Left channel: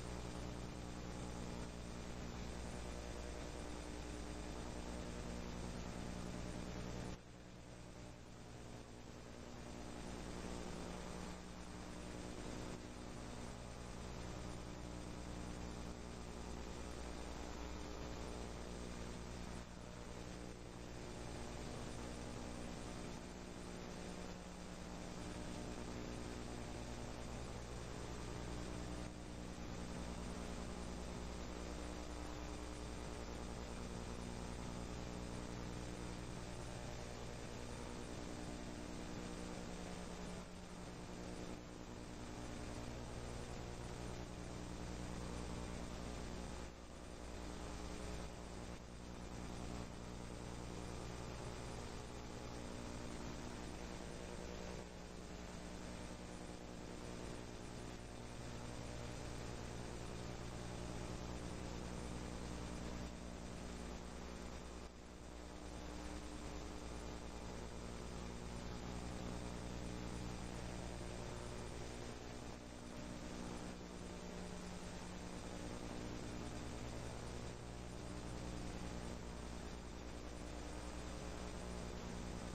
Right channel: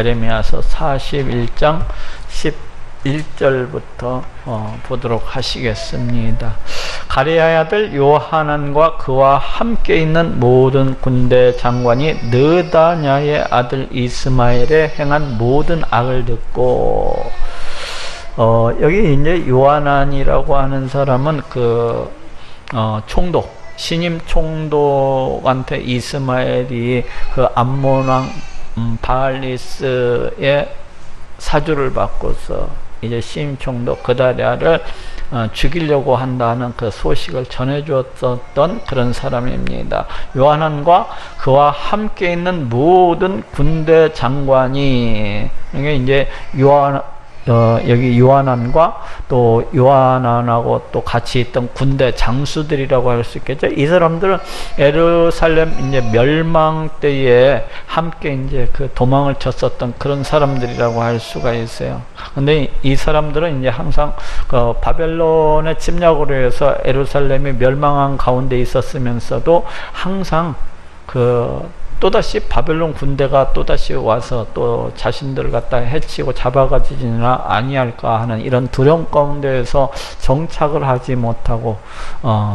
에레미야서 41장 11절부터 보도록 하시겠습니다. 가레야의 아들 요하난과 그와 함께 있는 모든 군대 장관이 느다냐의 아들 이스마엘에 행한 모든 악을 듣고, 여기 이제 요하난이라고 하는 사람은 총독, 신임 총독한테 이스마엘이 그 암몬 왕 바알리스의 사주를 받고서 이제 신임 총독 그다랴를 죽이려고 한다는 그 소식을 전해주었던 그런 사람입니다. 요하난과 그와 함께 있는 모든 군대 장관이, 이게 이제 여기 요하난과 또 요하난하고 또 같이 있던 군대 장수들이라고 할 수 있겠죠. 이 사람들은 예루살렘 이제 멸망 때에 함께 이제 그 도망을 쳤었던 그런 사람들이라고 할 수가 있어요. 근데 이 사람들은 이제 항상 그 바벨론의 침략으로 해서 예루살렘이 멸망한 가운데 있었으면서도 항상 또다시 바벨론 군대가 또다시 와서 또 자신들을 갖다 해치고 잡아가지나 아니할까 하는 이런 두려움 가운데에서 정착을 하지 못하고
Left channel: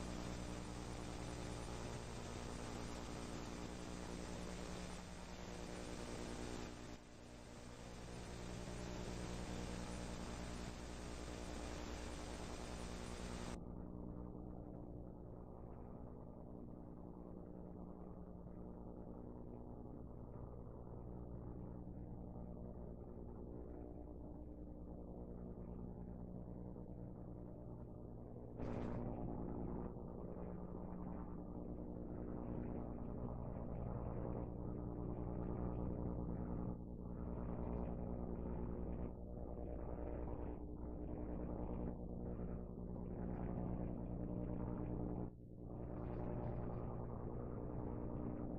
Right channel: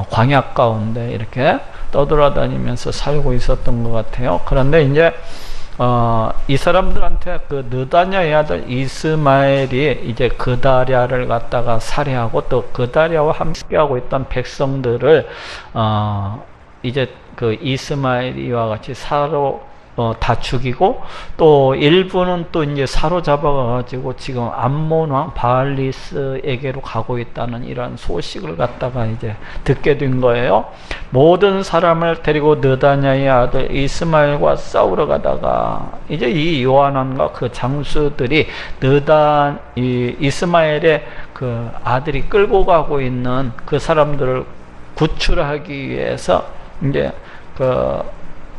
광야 가운데 이렇게 떠돌아다니면서 살고 있었던 것 같아요. 그런데 이제 이 사람들한테 그 느다냐의 아들 이스마엘이 이제 그다랴를 갖다가 살해하고 또 그다랴와 함께하고 있던 백성들을 이제 그 이스마엘이와 같이 다 죽이고, 또 일부는 또 이제 사로잡아가지고 지금 암몬 왕 바알리스에게로 가고 있다는 이런 소식을 갖다가 이제 듣게 된 거예요. 모든 사람을 데리고 느다냐의 아들 이스마엘과 싸우러 가다가 이제 이 요하난과 그 장수들이 이스마엘의 그 아들이 끌고 가고 있는 그 사람들을 구출하기 위해서 이제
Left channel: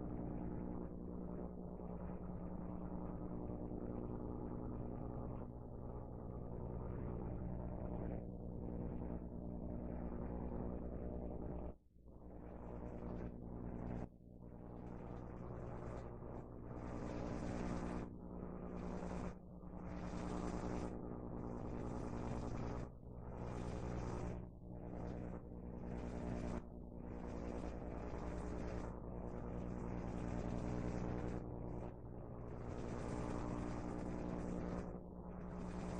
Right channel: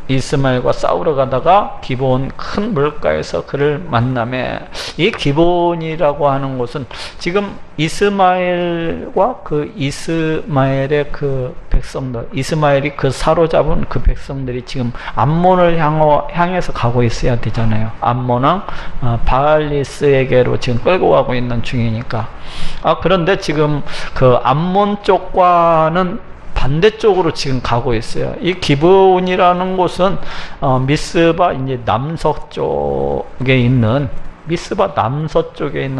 이스마엘과 싸우러 가다가 기브온 큰 물가에서 그를 만나매, 이 기브온이라고 하는 곳은 지금 이스마엘과 그 이스마엘의 그 백성들, 이스마엘이 그 사로잡은 그 백성들이 지금 암몬을 향해서 가고 있어야 되잖아요. 암몬 왕 바알리스에게로 지금 끌고 가고 있는 중이니까. 그런데 지금 그 암몬 쪽과는 반대쪽으로 지금 가고 있어요. 이 기브온이라는 곳은 미스바 이제 남서쪽에 있는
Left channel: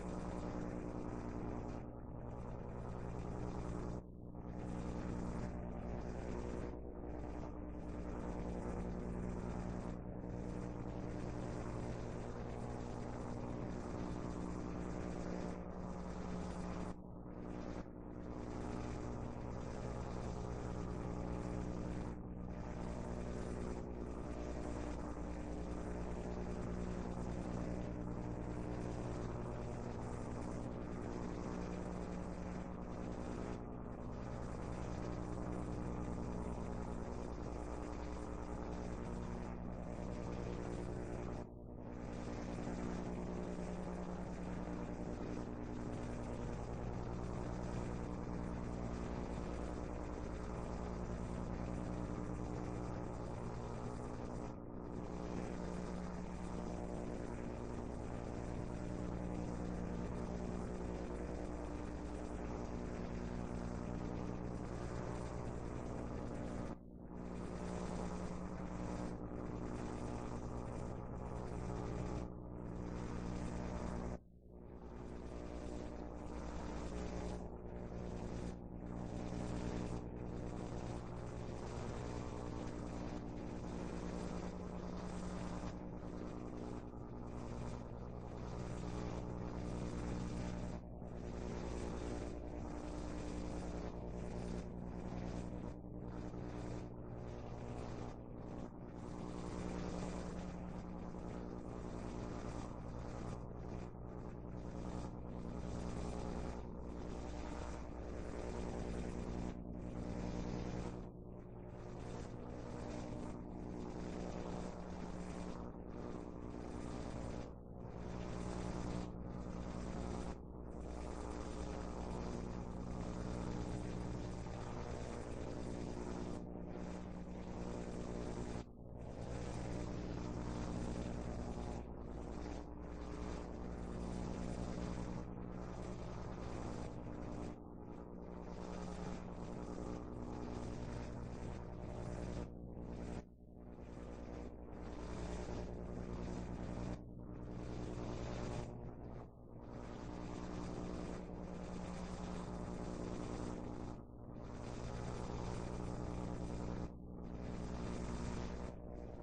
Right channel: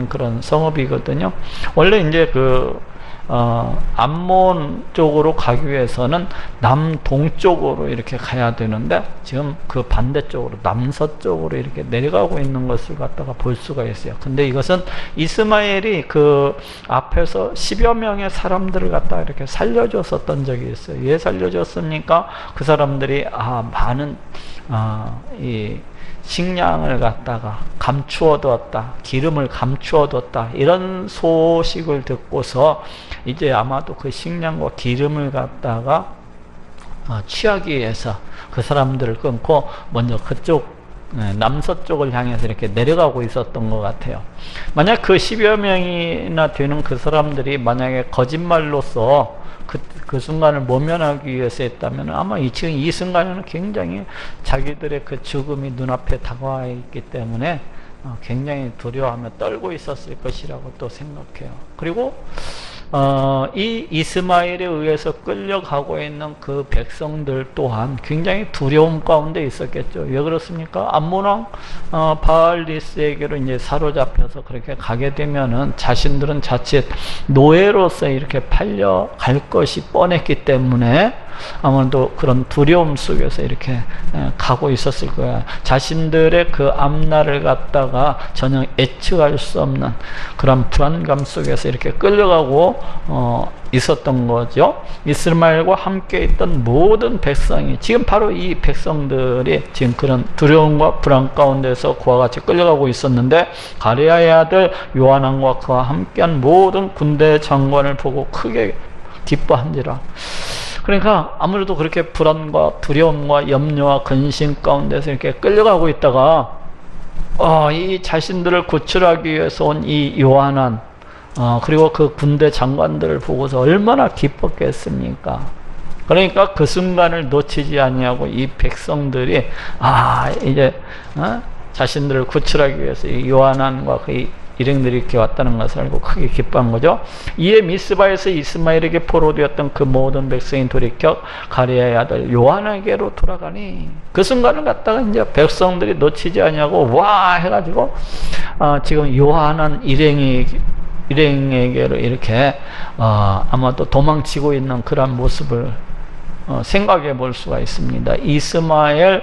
그런 성읍이거든요. 원래 이제 암몬 쪽으로 가기 위해서는 남동쪽으로 이렇게 가야 되는데 지금 그 반대쪽으로 남서쪽으로 이렇게 내려가고 있는 것을 갖다가 볼 수가 있어요. 근데 이것은 이스마엘이 그 앞에서 10여 명의 사람들을 갖다가 이렇게 살려줬었던 적이 있어요. 왜 살려줬습니까? 그 사람들이 많은 이 식량을 갖다가 감추어두었다, 기름을 감추어두었다, 이런 소식을 듣고서 이제 아마도 그 식량과 기름을 갖다가 취하기 위해서 그 사람들을 끊고 먼저 그쪽 남서쪽을 향해서 이렇게 내려가고 있었던 것 같아요. 만약 그 10여 명이나 되는 그 사람들이 만약에 거짓말로서 그 순간을 모면하기 위해서 했다면 아마 지금 이 순간에는 굉장히 자기들의 그 죽음이 눈앞에 다가와 있기 때문에 굉장히 두려워하며 떨고 있었을 것이라고 또 생각해요. 그리고 이 이스마엘에 의해서 끌려가고 있는 그 백성들 또한 굉장히 두려움 가운데 있었겠죠. 왜 그렇습니까? 암몬 왕 바알리스에게로 이제 사로잡혀서 그렇게 가게 되면은 자신들은 자칫 노예로서 이렇게 팔려갈 것이 뻔했기 때문에 아무래도 그런 두려움 속에서 이렇게 가고 있었을 거야. 자신들의 그 앞날을 갖다가 전혀 예측할 수 없는 그런 불안감 속에서 이렇게 끌려가고 있었던 거죠. 이스마엘과 함께 있던 모든 백성이, 지금 바로 이 백성들이 지금 그런 두려움과 불안 가운데서 그와 같이 끌려가고 있었는데, 가레야의 아들 요하난과 그와 함께한 모든 군대 장관을 보고 크게 기뻐한지라. 그러니까 아무래도 그렇게 불안과 두려움과 염려와 근심 가운데서 이렇게 끌려가고 있다가 이 자신들을 구출하기 위해서 온 이 요하난, 그리고 그 군대 장관들을 보고서 얼마나 기뻤겠습니까? 그러니까 그 순간을 놓치지 아니하고 이 백성들이 이제 자신들을 구출하기 위해서 이 요한안과 그 일행들이 이렇게 왔다는 것을 알고 크게 기뻐한 거죠. 이에 미스바에서 이스마엘에게 포로되었던 그 모든 백성이 돌이켜 가레아의 아들 요한에게로 돌아가니, 그 순간을 갖다가 이제 백성들이 놓치지 않냐고 와 해가지고 지금 요한안 일행에게로 이렇게 아마도 도망치고 있는 그런 모습을 생각해 볼 수가 있습니다. 이스마엘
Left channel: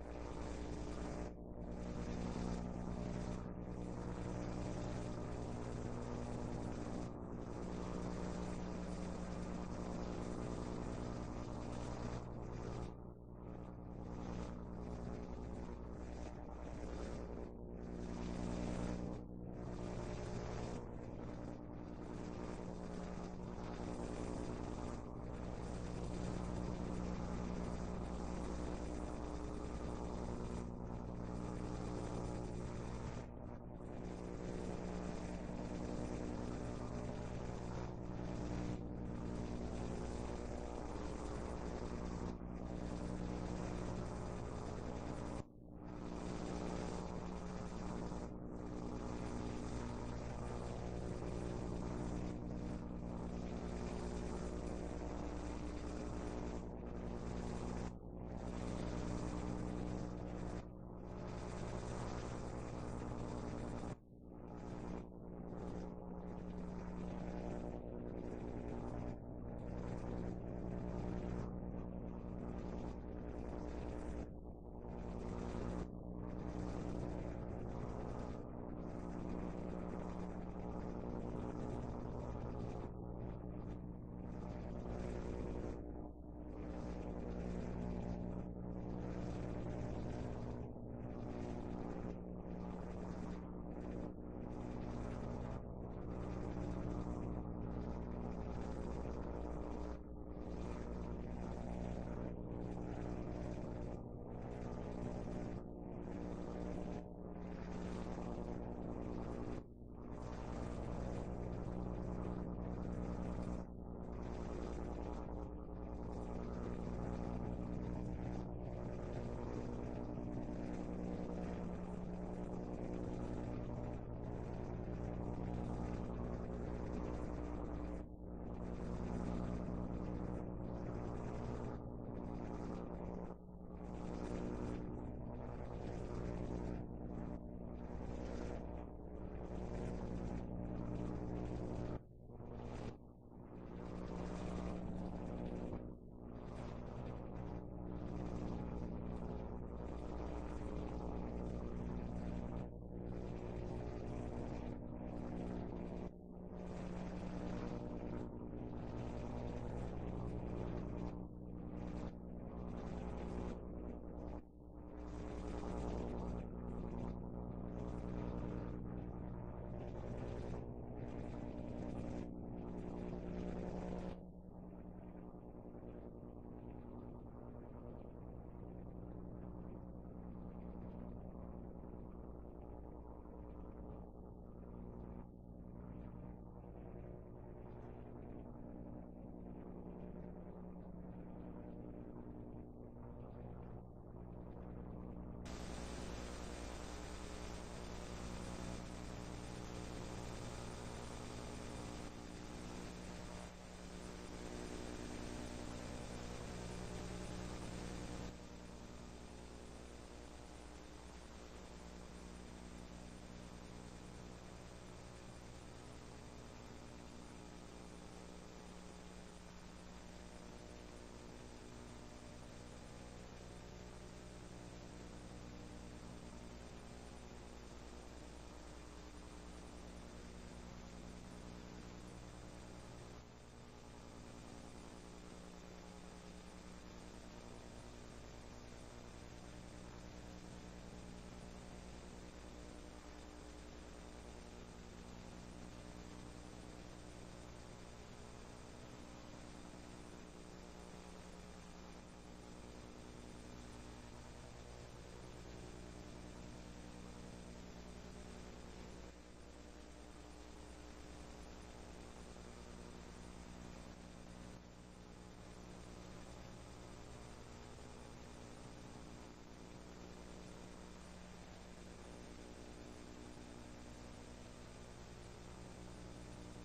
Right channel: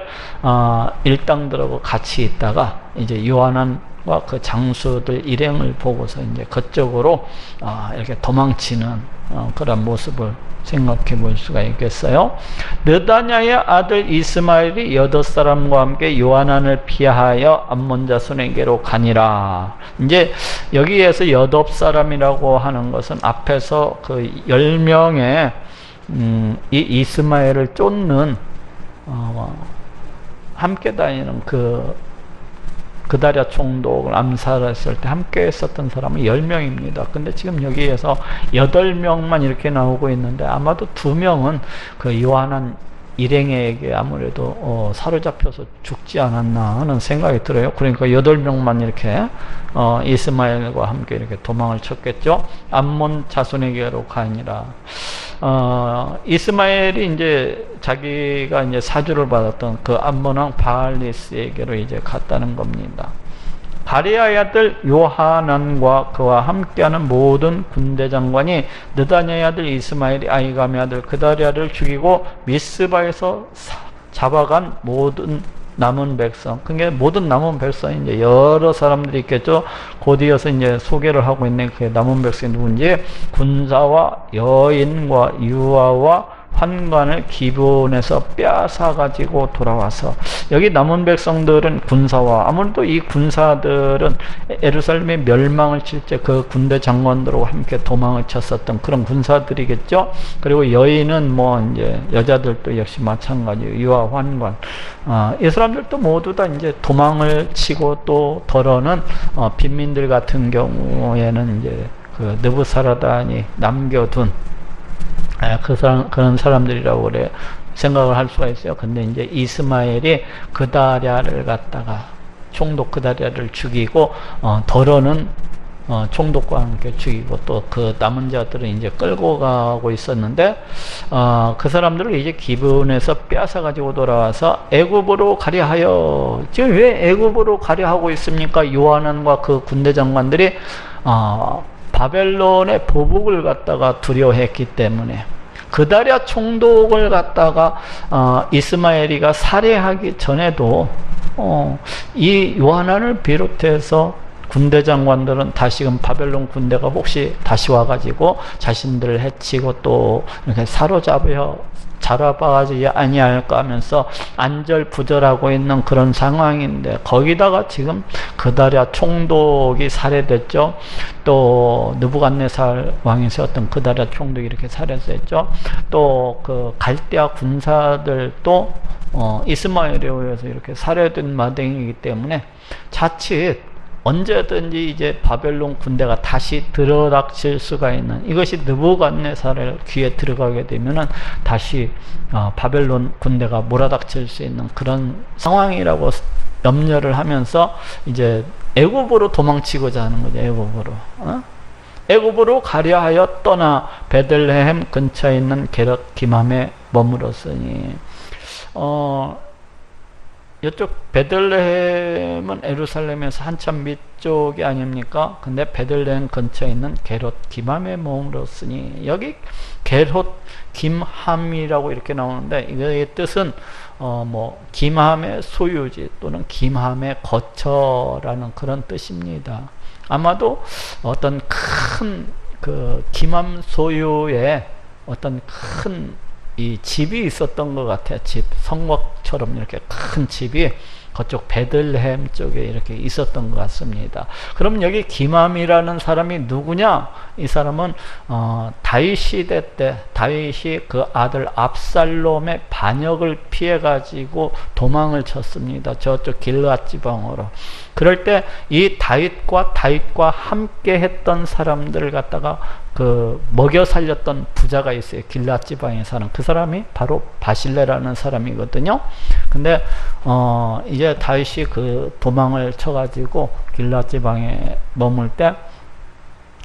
일당들하고 같이 있다가 이제 요한안과 그 장수들 일행을 보고서 이제 그쪽으로 이렇게 도망치는 그런 모습을 생각해 볼 수가 있겠어요. 느다냐의 아들 이스마엘이 8사람과 함께 요한안을 피하여 암몬 자손에게로 가니라. 이제 여기에서 8사람이라고 하는 것은 앞에서 그 10명의 이 이스마엘을 쫓는 함께 다니는 그다랴 총독을 암살했을 때 함께 했었던 사람은 10명입니다. 근데 지금 여기에서 8명만 이렇게 나오고 있는데 아마도 2명은 그 요한안 일행에게 아무래도 사로잡혀서 죽지 않았나 하는 생각이 들어요. 그러니까 8명만 이렇게 이스마엘과 함께 이렇게 도망을 쳤겠죠. 암몬 자손에게로 가니라. 이스마엘이 이제 자기가 이제 사주를 받았던 그 암몬 왕 바알리스에게로 이제 갔다는 겁니다. 가레아의 아들 요하난과 그와 함께하는 모든 군대 장관이 느다냐의 아들 이스마엘이 아이감의 아들 그다랴를 죽이고 미스바에서 잡아간 모든 남은 백성, 그게 모든 남은 백성이 이제 여러 사람들이 있겠죠. 곧이어서 이제 소개를 하고 있는 그 남은 백성이 누군지, 군사와 여인과 유아와 환관을 기브온에서 빼앗아 가지고 돌아와서, 여기 남은 백성들은 군사와, 아무래도 이 군사들은 예루살렘의 멸망을 칠 때 그 군대 장관들하고 함께 도망을 쳤었던 그런 군사들이겠죠. 그리고 여인은 뭐 이제 여자들도 역시 마찬가지예요. 유아 환관. 이 사람들도 모두 다 이제 도망을 치고 또 덜어는 빈민들 같은 경우에는 이제 그 느부사라단이 남겨둔 그런 사람들이라고 그래 생각을 할 수가 있어요. 근데 이제 이스마엘이 그다랴를 갖다가 총독 그다랴를 죽이고 덜어는 총독과 함께 죽이고 또 그 남은 자들은 이제 끌고 가고 있었는데 그 사람들을 이제 기브온에서 빼앗아 가지고 돌아와서 애굽으로 가려 하여, 지금 왜 애굽으로 가려 하고 있습니까? 요한안과 그 군대 장관들이 바벨론의 보복을 갖다가 두려워했기 때문에. 그다랴 총독을 갖다가 이스마엘이가 살해하기 전에도 이 요한안을 비롯해서 군대 장관들은 다시금 바벨론 군대가 혹시 다시 와가지고 자신들을 해치고 또 이렇게 잡아가지 아니할까 하면서 안절부절하고 있는 그런 상황인데, 거기다가 지금 그다랴 총독이 살해됐죠. 또 느부갓네살 왕이 세웠던 그다랴 총독이 이렇게 살해됐죠. 또 그 갈대아 군사들도 이스마엘에 의해서 이렇게 살해된 마당이기 때문에 자칫 언제든지 이제 바벨론 군대가 다시 들어닥칠 수가 있는, 이것이 느부갓네살의 귀에 들어가게 되면은 다시 바벨론 군대가 몰아닥칠 수 있는 그런 상황이라고 염려를 하면서 이제 애굽으로 도망치고자 하는 거죠. 애굽으로 가려 하여 떠나 베들레헴 근처에 있는 게롯 기맘에 머물었으니, 이쪽 베들레헴은 예루살렘에서 한참 밑쪽이 아닙니까? 근데 베들레헴 근처에 있는 게롯 기맘에 머물었으니, 여기 게롯 김함이라고 이렇게 나오는데, 이거의 뜻은 뭐 김함의 소유지 또는 김함의 거처라는 그런 뜻입니다. 아마도 어떤 큰 그 김함 소유의 어떤 큰 이 집이 있었던 것 같아요. 집, 성곽처럼 이렇게 큰 집이 그쪽 베들레헴 쪽에 이렇게 있었던 것 같습니다. 그럼 여기 김함이라는 사람이 누구냐? 이 사람은 다윗 시대 때 다윗이 그 아들 압살롬의 반역을 피해 가지고 도망을 쳤습니다. 저쪽 길앗 지방으로. 그럴 때 이 다윗과 함께 했던 사람들을 갖다가 그 먹여 살렸던 부자가 있어요. 길앗 지방에 사는 그 사람이 바로 바실레라는 사람이거든요. 근데 이제 다윗이 그 도망을 쳐가지고 길앗 지방에 머물 때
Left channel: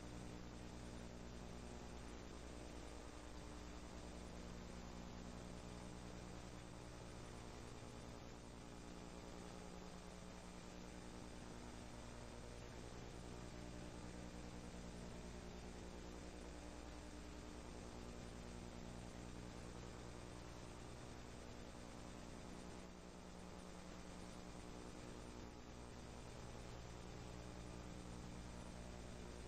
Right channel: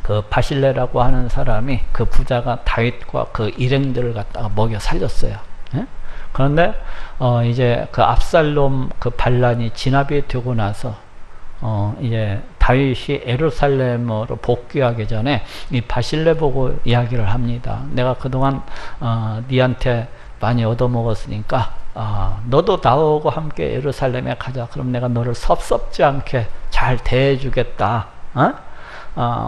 그 바실레라고 하는 사람이 그 부자가 다윗과 그 일행들을 갖다가 먹여 살렸어요. 예? 그런데 이제 그 압살롬 그 반란이 진압이 되고 나서 이제 다윗이 예루살렘으로 복귀하기 전에 이 바실레 보고 이야기를 합니다. 내가 그동안 니한테 많이 얻어먹었으니까 너도 나하고 함께 예루살렘에 가자. 그럼 내가 너를 섭섭지 않게 잘 대해주겠다.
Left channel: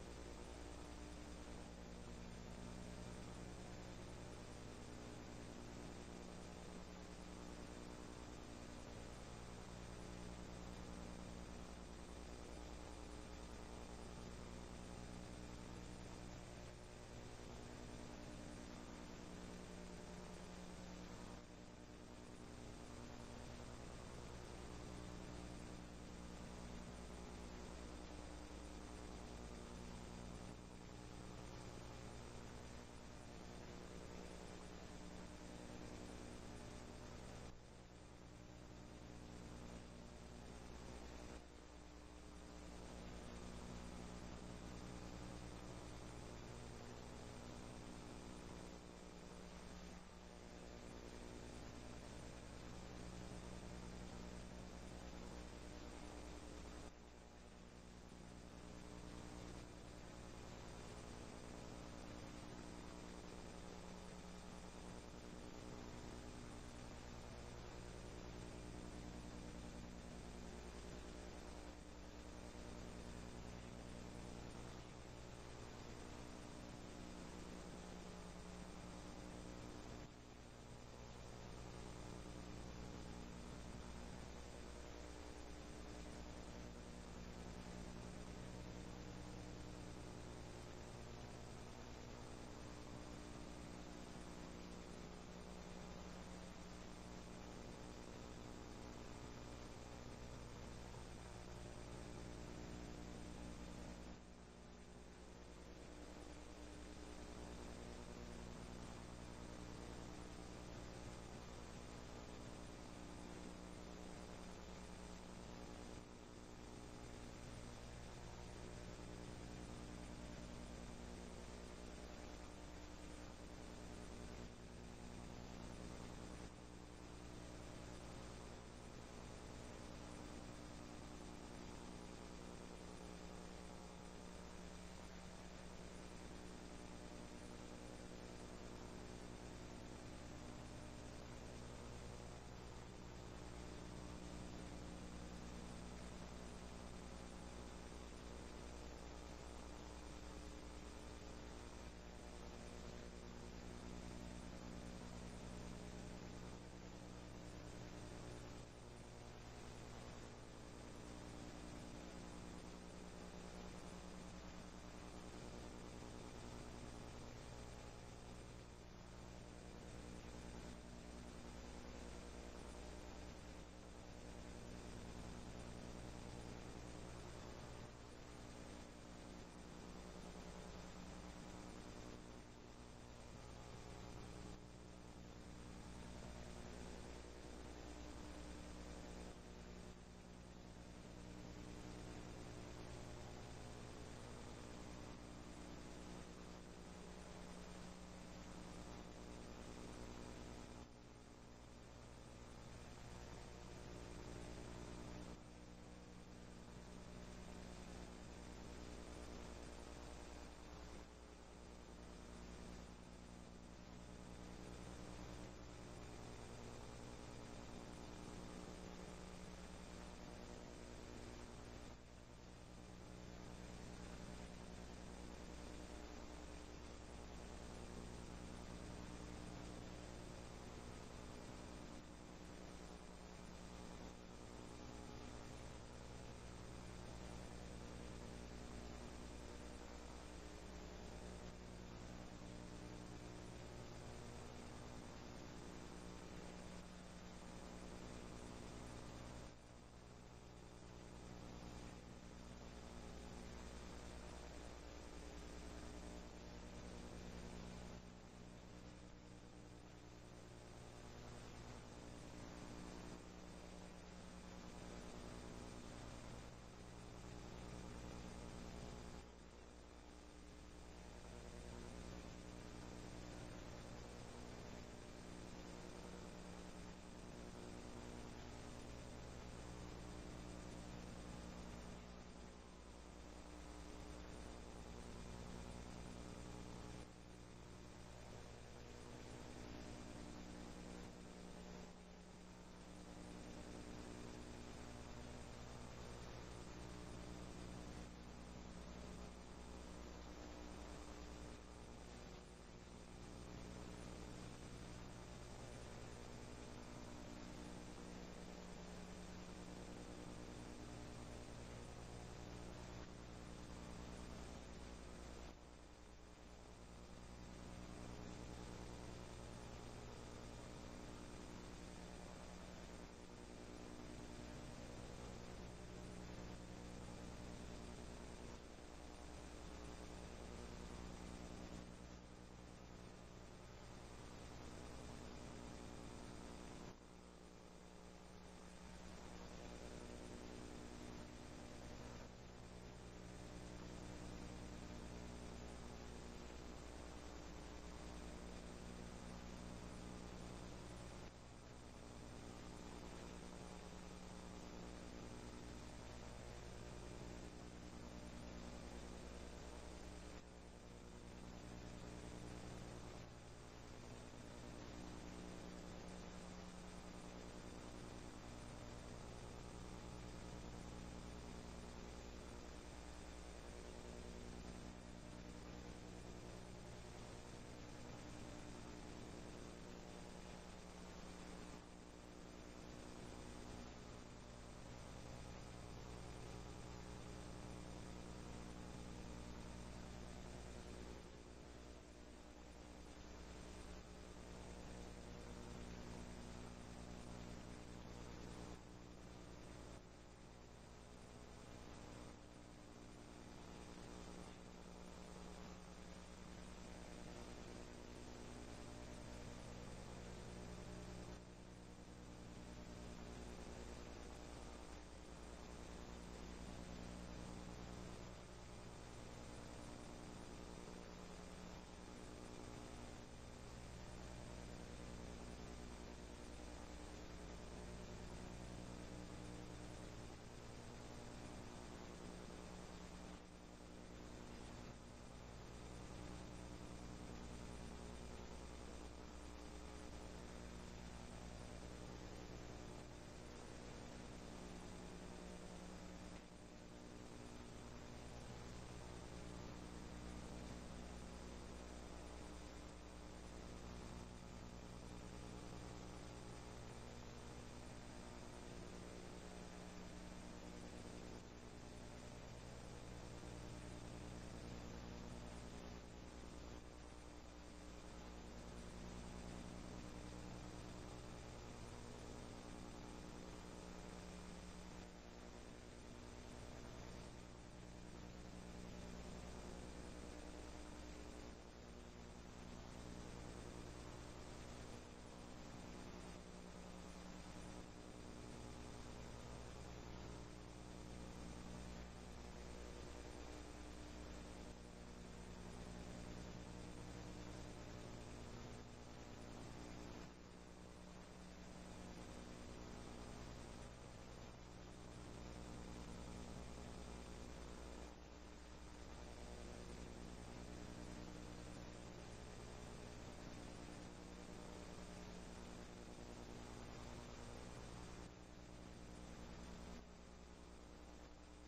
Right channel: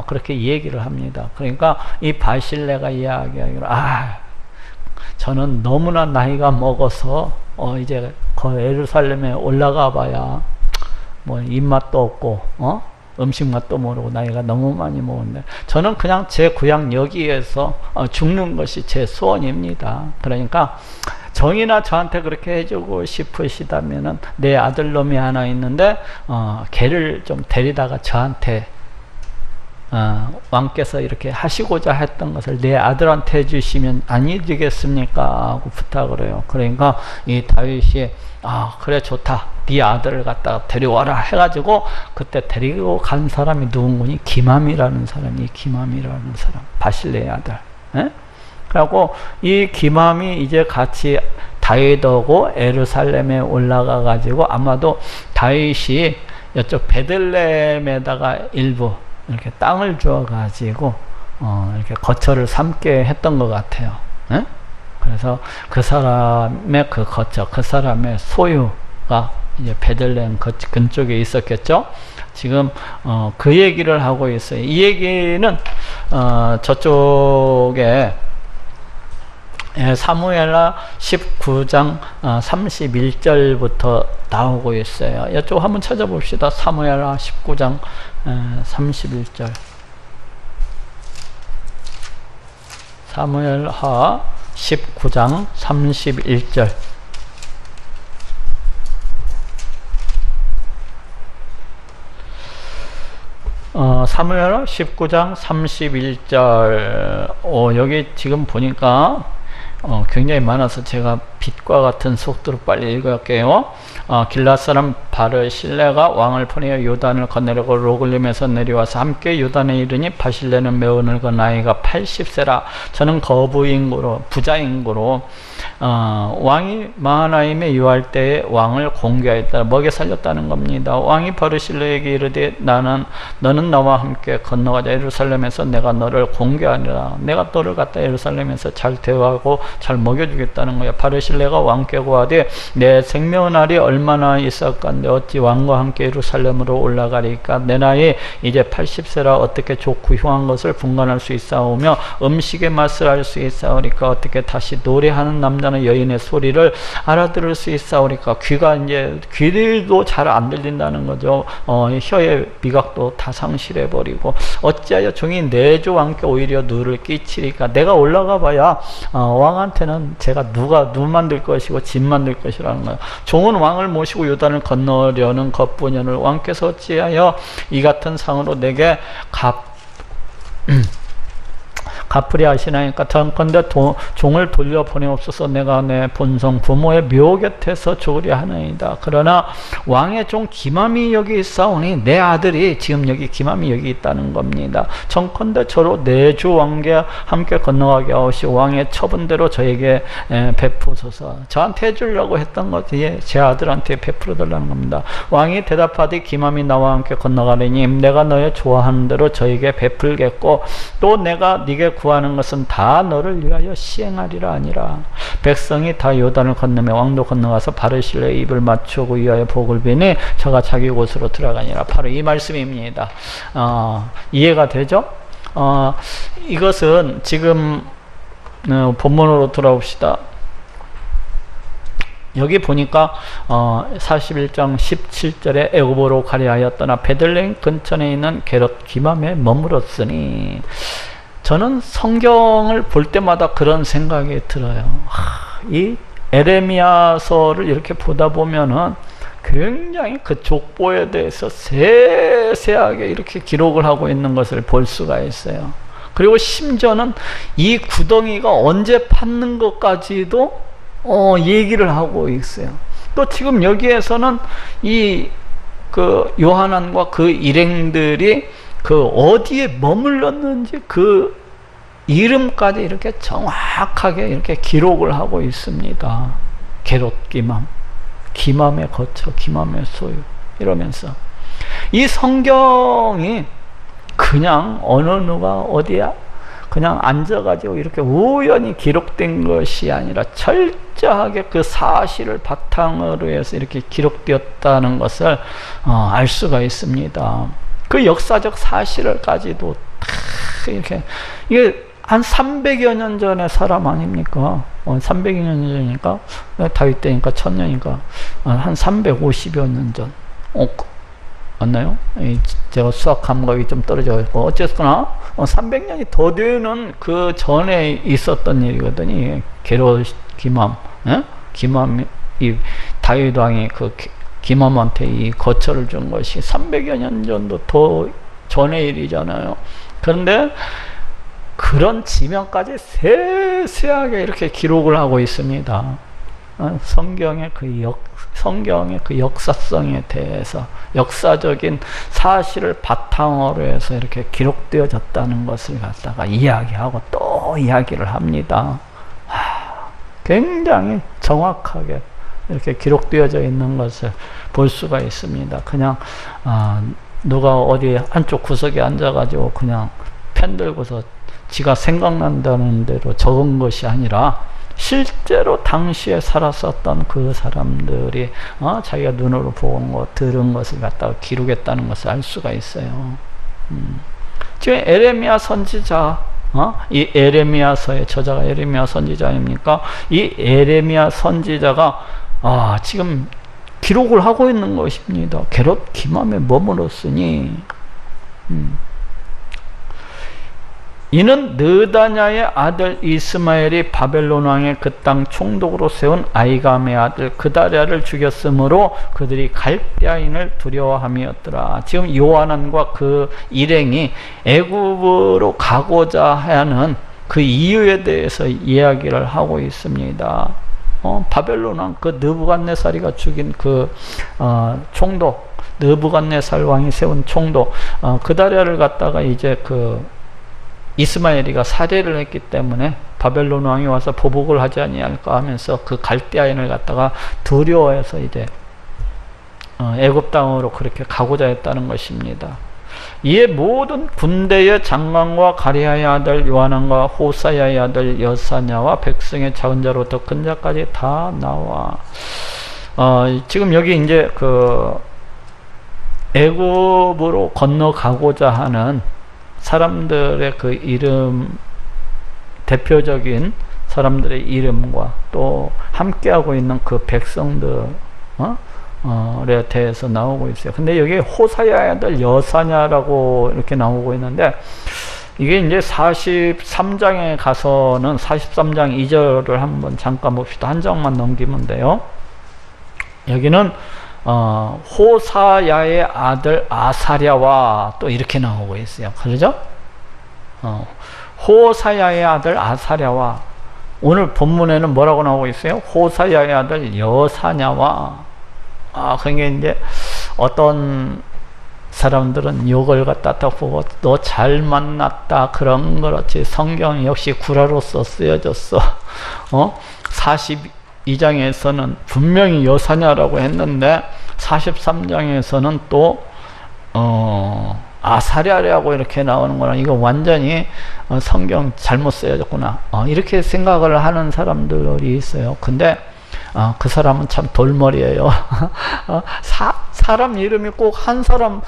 그렇게 얘기를 합니다. 그러니까 이 바실레가 이야기하기로 저는 너무나 나이가 먹어서 이제 예루살렘에 올라가 봐야 뭐 입맛도 없고 음식 맛도 모르고 나이가 너무 많이 먹었는데 저는 그냥 제 고향 여기에서 죽는 것이 제 소원입니다. 그러니까 정이나 저한테 그렇게 해주고 싶으시다면은 내 아들놈이 하나 있는데 걔를 좀 데리다가 저한테 왕께서 이렇게 하시고자 했던 것을 내 아들한테 해주시면 아니 되겠습니까? 하고 부탁을 해요. 그러니까 이 다윗이 그래 좋다. 네 아들을 갖다가 데려와라 해가지고 그때 데리고 간 사람이 누군가니 기맘이라는 사람이 기맘이라는 사람 바실레의 아들. 그리고 이 기맘이 이제 같이 다윗하고 예루살렘에 올라가 가지고 아마도 다윗이 이쪽 베들레헴에다가 일부 이렇게 땅을 주어 가지고 이렇게 거처를 삼게 했던 것 같아요. 그래서 그 사람의 그 거처, 그 사람의 소유가 이제 베들레헴 근처에 있었겠죠. 지금 그 얘기를 하고 있어요. 이 얘기는 저쪽에 사무엘하 19장 31절부터 나오고 있어요. 이쪽 한번 찾아봅시다. 사무엘하 19장 31절. 사무엘하 19장 31절. 사무엘하 19장 31절. 여기 지금 보니까 굉장히 많아서 제가 빛과 같은 속도로 빨리 읽을게요. 길앗 사람 바르실레가 왕을 보내어 요단을 건너려고 로글림에서 내려와서 함께 요단에 이르니 바실레는 매우 늙은 나이가 80세라. 저는 거부인고로 부자인고로 왕이 마하나임에 유할 때에 왕을 공개하였다. 먹여 살렸다는 겁니다. 왕이 바르실레에게 이르되 너는 나와 함께 건너가자. 예루살렘에서 내가 너를 공개하리라. 내가 너를 갖다 예루살렘에서 잘 대우하고 잘 먹여주겠다는 거야. 바르실레가 왕께 고하되 내 생명의 날이 얼마나 있었건데 어찌 왕과 함께 예루살렘으로 올라가리까. 내 나이 이제 80세라 어떻게 좋고 흉한 것을 분간할 수 있사오며 음식의 맛을 알 수 있사오리까. 어떻게 다시 노래하는 남자는 여인의 소리를 알아들을 수 있사오리까. 귀도 잘 안 들린다는 거죠. 혀의 미각도 다 상실해 버리고 어찌하여 종이 내 주 왕께 오히려 누를 끼치리까. 내가 올라가 봐야 왕한테는 제가 누 만들 것이고 집 만들 것이라는 거예요. 종은 왕을 모시고 요단을 건너려는 것뿐이오늘 왕께서 어찌하여 이 같은 상으로 내게 갚으려 하시나이까. 전컨대 종을 돌려보내옵소서. 내가 내 본성 부모의 묘 곁에서 죽으려 하나이다. 그러나 왕의 종 기맘이 여기 있사오니 내 아들이 지금 여기 기맘이 여기 있다는 겁니다. 전컨대 저로 내 주 왕께 함께 건너가게 하오시오. 왕의 처분대로 저에게 베푸소서. 저한테 해주려고 했던 것이 제 아들한테 베풀어 달라는 겁니다. 왕이 대답하되 기맘이 나와 함께 건너가리니 내가 너의 좋아하는 대로 저에게 베풀겠고 또 내가 네게 구하는 것은 다 너를 위하여 시행하리라 아니라. 백성이 다 요단을 건너며 왕도 건너가서 바르실레의 입을 맞추고 위하여 복을 비니 저가 자기 곳으로 들어가니라. 바로 이 말씀입니다. 이해가 되죠? 이것은 지금 본문으로 돌아옵시다. 여기 보니까 41장 17절에 애굽으로 가려 하였더나 베들레헴 근처에 있는 게롯 기맘에 머물었으니. 저는 성경을 볼 때마다 그런 생각이 들어요. 이 에레미야서를 이렇게 보다 보면은 굉장히 그 족보에 대해서 세세하게 이렇게 기록을 하고 있는 것을 볼 수가 있어요. 그리고 심지어는 이 구덩이가 언제 팠는 것까지도 얘기를 하고 있어요. 또 지금 여기에서는 이 그 요한안과 그 일행들이 그 어디에 머물렀는지 그 이름까지 이렇게 정확하게 이렇게 기록을 하고 있습니다. 게롯 기맘, 기맘의 거처, 기맘의 소유, 이러면서 이 성경이 그냥 어느 누가 어디야 그냥 앉아가지고 이렇게 우연히 기록된 것이 아니라 철저하게 그 사실을 바탕으로 해서 이렇게 기록되었다는 것을 알 수가 있습니다. 그 역사적 사실을까지도 다 이렇게, 이게 한 300여 년 전의 사람 아닙니까? 300여 년 전이니까 다윗 때니까 1000년이니까 한 350여 년 전. 맞나요? 제가 수학 감각이 좀 떨어져 있고 어쨌거나 300년이 더 되는 그 전에 있었던 일이거든요. 게롯 기맘, 기맘, 이 다윗 왕이 그 기맘한테 이 거처를 준 것이 300여 년 전도 더 전의 일이잖아요. 그런데 그런 지명까지 세세하게 이렇게 기록을 하고 있습니다. 성경의 그 역사성에 대해서 역사적인 사실을 바탕으로 해서 이렇게 기록되어졌다는 것을 갖다가 이야기하고 또 이야기를 합니다. 굉장히 정확하게 이렇게 기록되어져 있는 것을 볼 수가 있습니다. 그냥 누가 어디 한쪽 구석에 앉아가지고 그냥 펜 들고서 지가 생각난다는 대로 적은 것이 아니라 실제로 당시에 살았었던 그 사람들이 자기가 눈으로 본 것, 들은 것을 갖다가 기록했다는 것을 알 수가 있어요. 지금 에레미야 선지자, 이 에레미야서의 저자가 에레미야 선지자입니까? 이 에레미야 선지자가 지금 기록을 하고 있는 것입니다. 게롯 기맘에 머물렀으니 이는 느다냐의 아들 이스마엘이 바벨론 왕의 그 땅 총독으로 세운 아이감의 아들 그다랴를 죽였으므로 그들이 갈대아인을 두려워함이었더라. 지금 요한안과 그 일행이 애굽으로 가고자 하는 그 이유에 대해서 이야기를 하고 있습니다. 바벨론 왕 그 느부갓네살이가 죽인 그 총독, 느부갓네살 왕이 세운 총독 그다랴를 갖다가 이제 그 이스마엘이가 살해를 했기 때문에 바벨론 왕이 와서 보복을 하지 아니할까 하면서 그 갈대아인을 갖다가 두려워해서 이제 애굽 땅으로 그렇게 가고자 했다는 것입니다. 이에 모든 군대의 장관과 가리아의 아들 요하난과 호사야의 아들 여사냐와 백성의 작은 자로부터 큰 자까지 다 나와. 지금 여기 이제 그 애굽으로 건너가고자 하는 사람들의 그 이름, 대표적인 사람들의 이름과 또 함께하고 있는 그 백성들에 대해서 나오고 있어요. 근데 여기 호사야의 아들 여사냐라고 이렇게 나오고 있는데, 이게 이제 43장에 가서는 43장 2절을 한번 잠깐 봅시다. 한 장만 넘기면 돼요. 여기는 호사야의 아들 아사랴와 또 이렇게 나오고 있어요. 그러죠? 호사야의 아들 아사랴와, 오늘 본문에는 뭐라고 나오고 있어요? 호사야의 아들 여사냐와. 그게 이제 어떤 사람들은 욕을 갖다 딱 보고 너 잘 만났다 그런 그렇지, 성경 역시 구라로서 쓰여졌어. 42장에서는 분명히 여사냐라고 했는데 43장에서는 또 아사랴라고 이렇게 나오는 거랑 이거 완전히 성경 잘못 쓰여졌구나, 이렇게 생각을 하는 사람들이 있어요. 근데 그 사람은 참 돌머리예요. 사람 이름이 꼭 한 사람,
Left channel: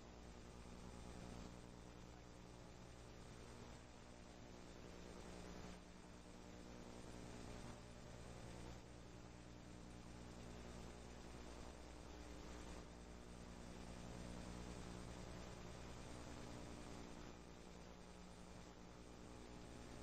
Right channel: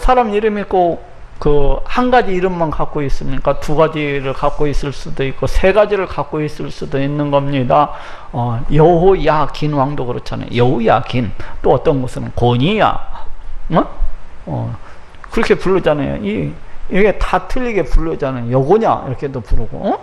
사람 이름이 꼭 그 한 가지 이름만 갖고 있습니까? 두 가지를 갖고 있을 수도 있고 세 가지를 갖고 있을 수도 있는 겁니다. 여호야긴 왕도 그렇잖아요. 여호야긴, 또 어떤 곳은 고니야, 그렇게 부르잖아요. 이게 다 틀리게 부르잖아요. 여고냐 이렇게도 부르고.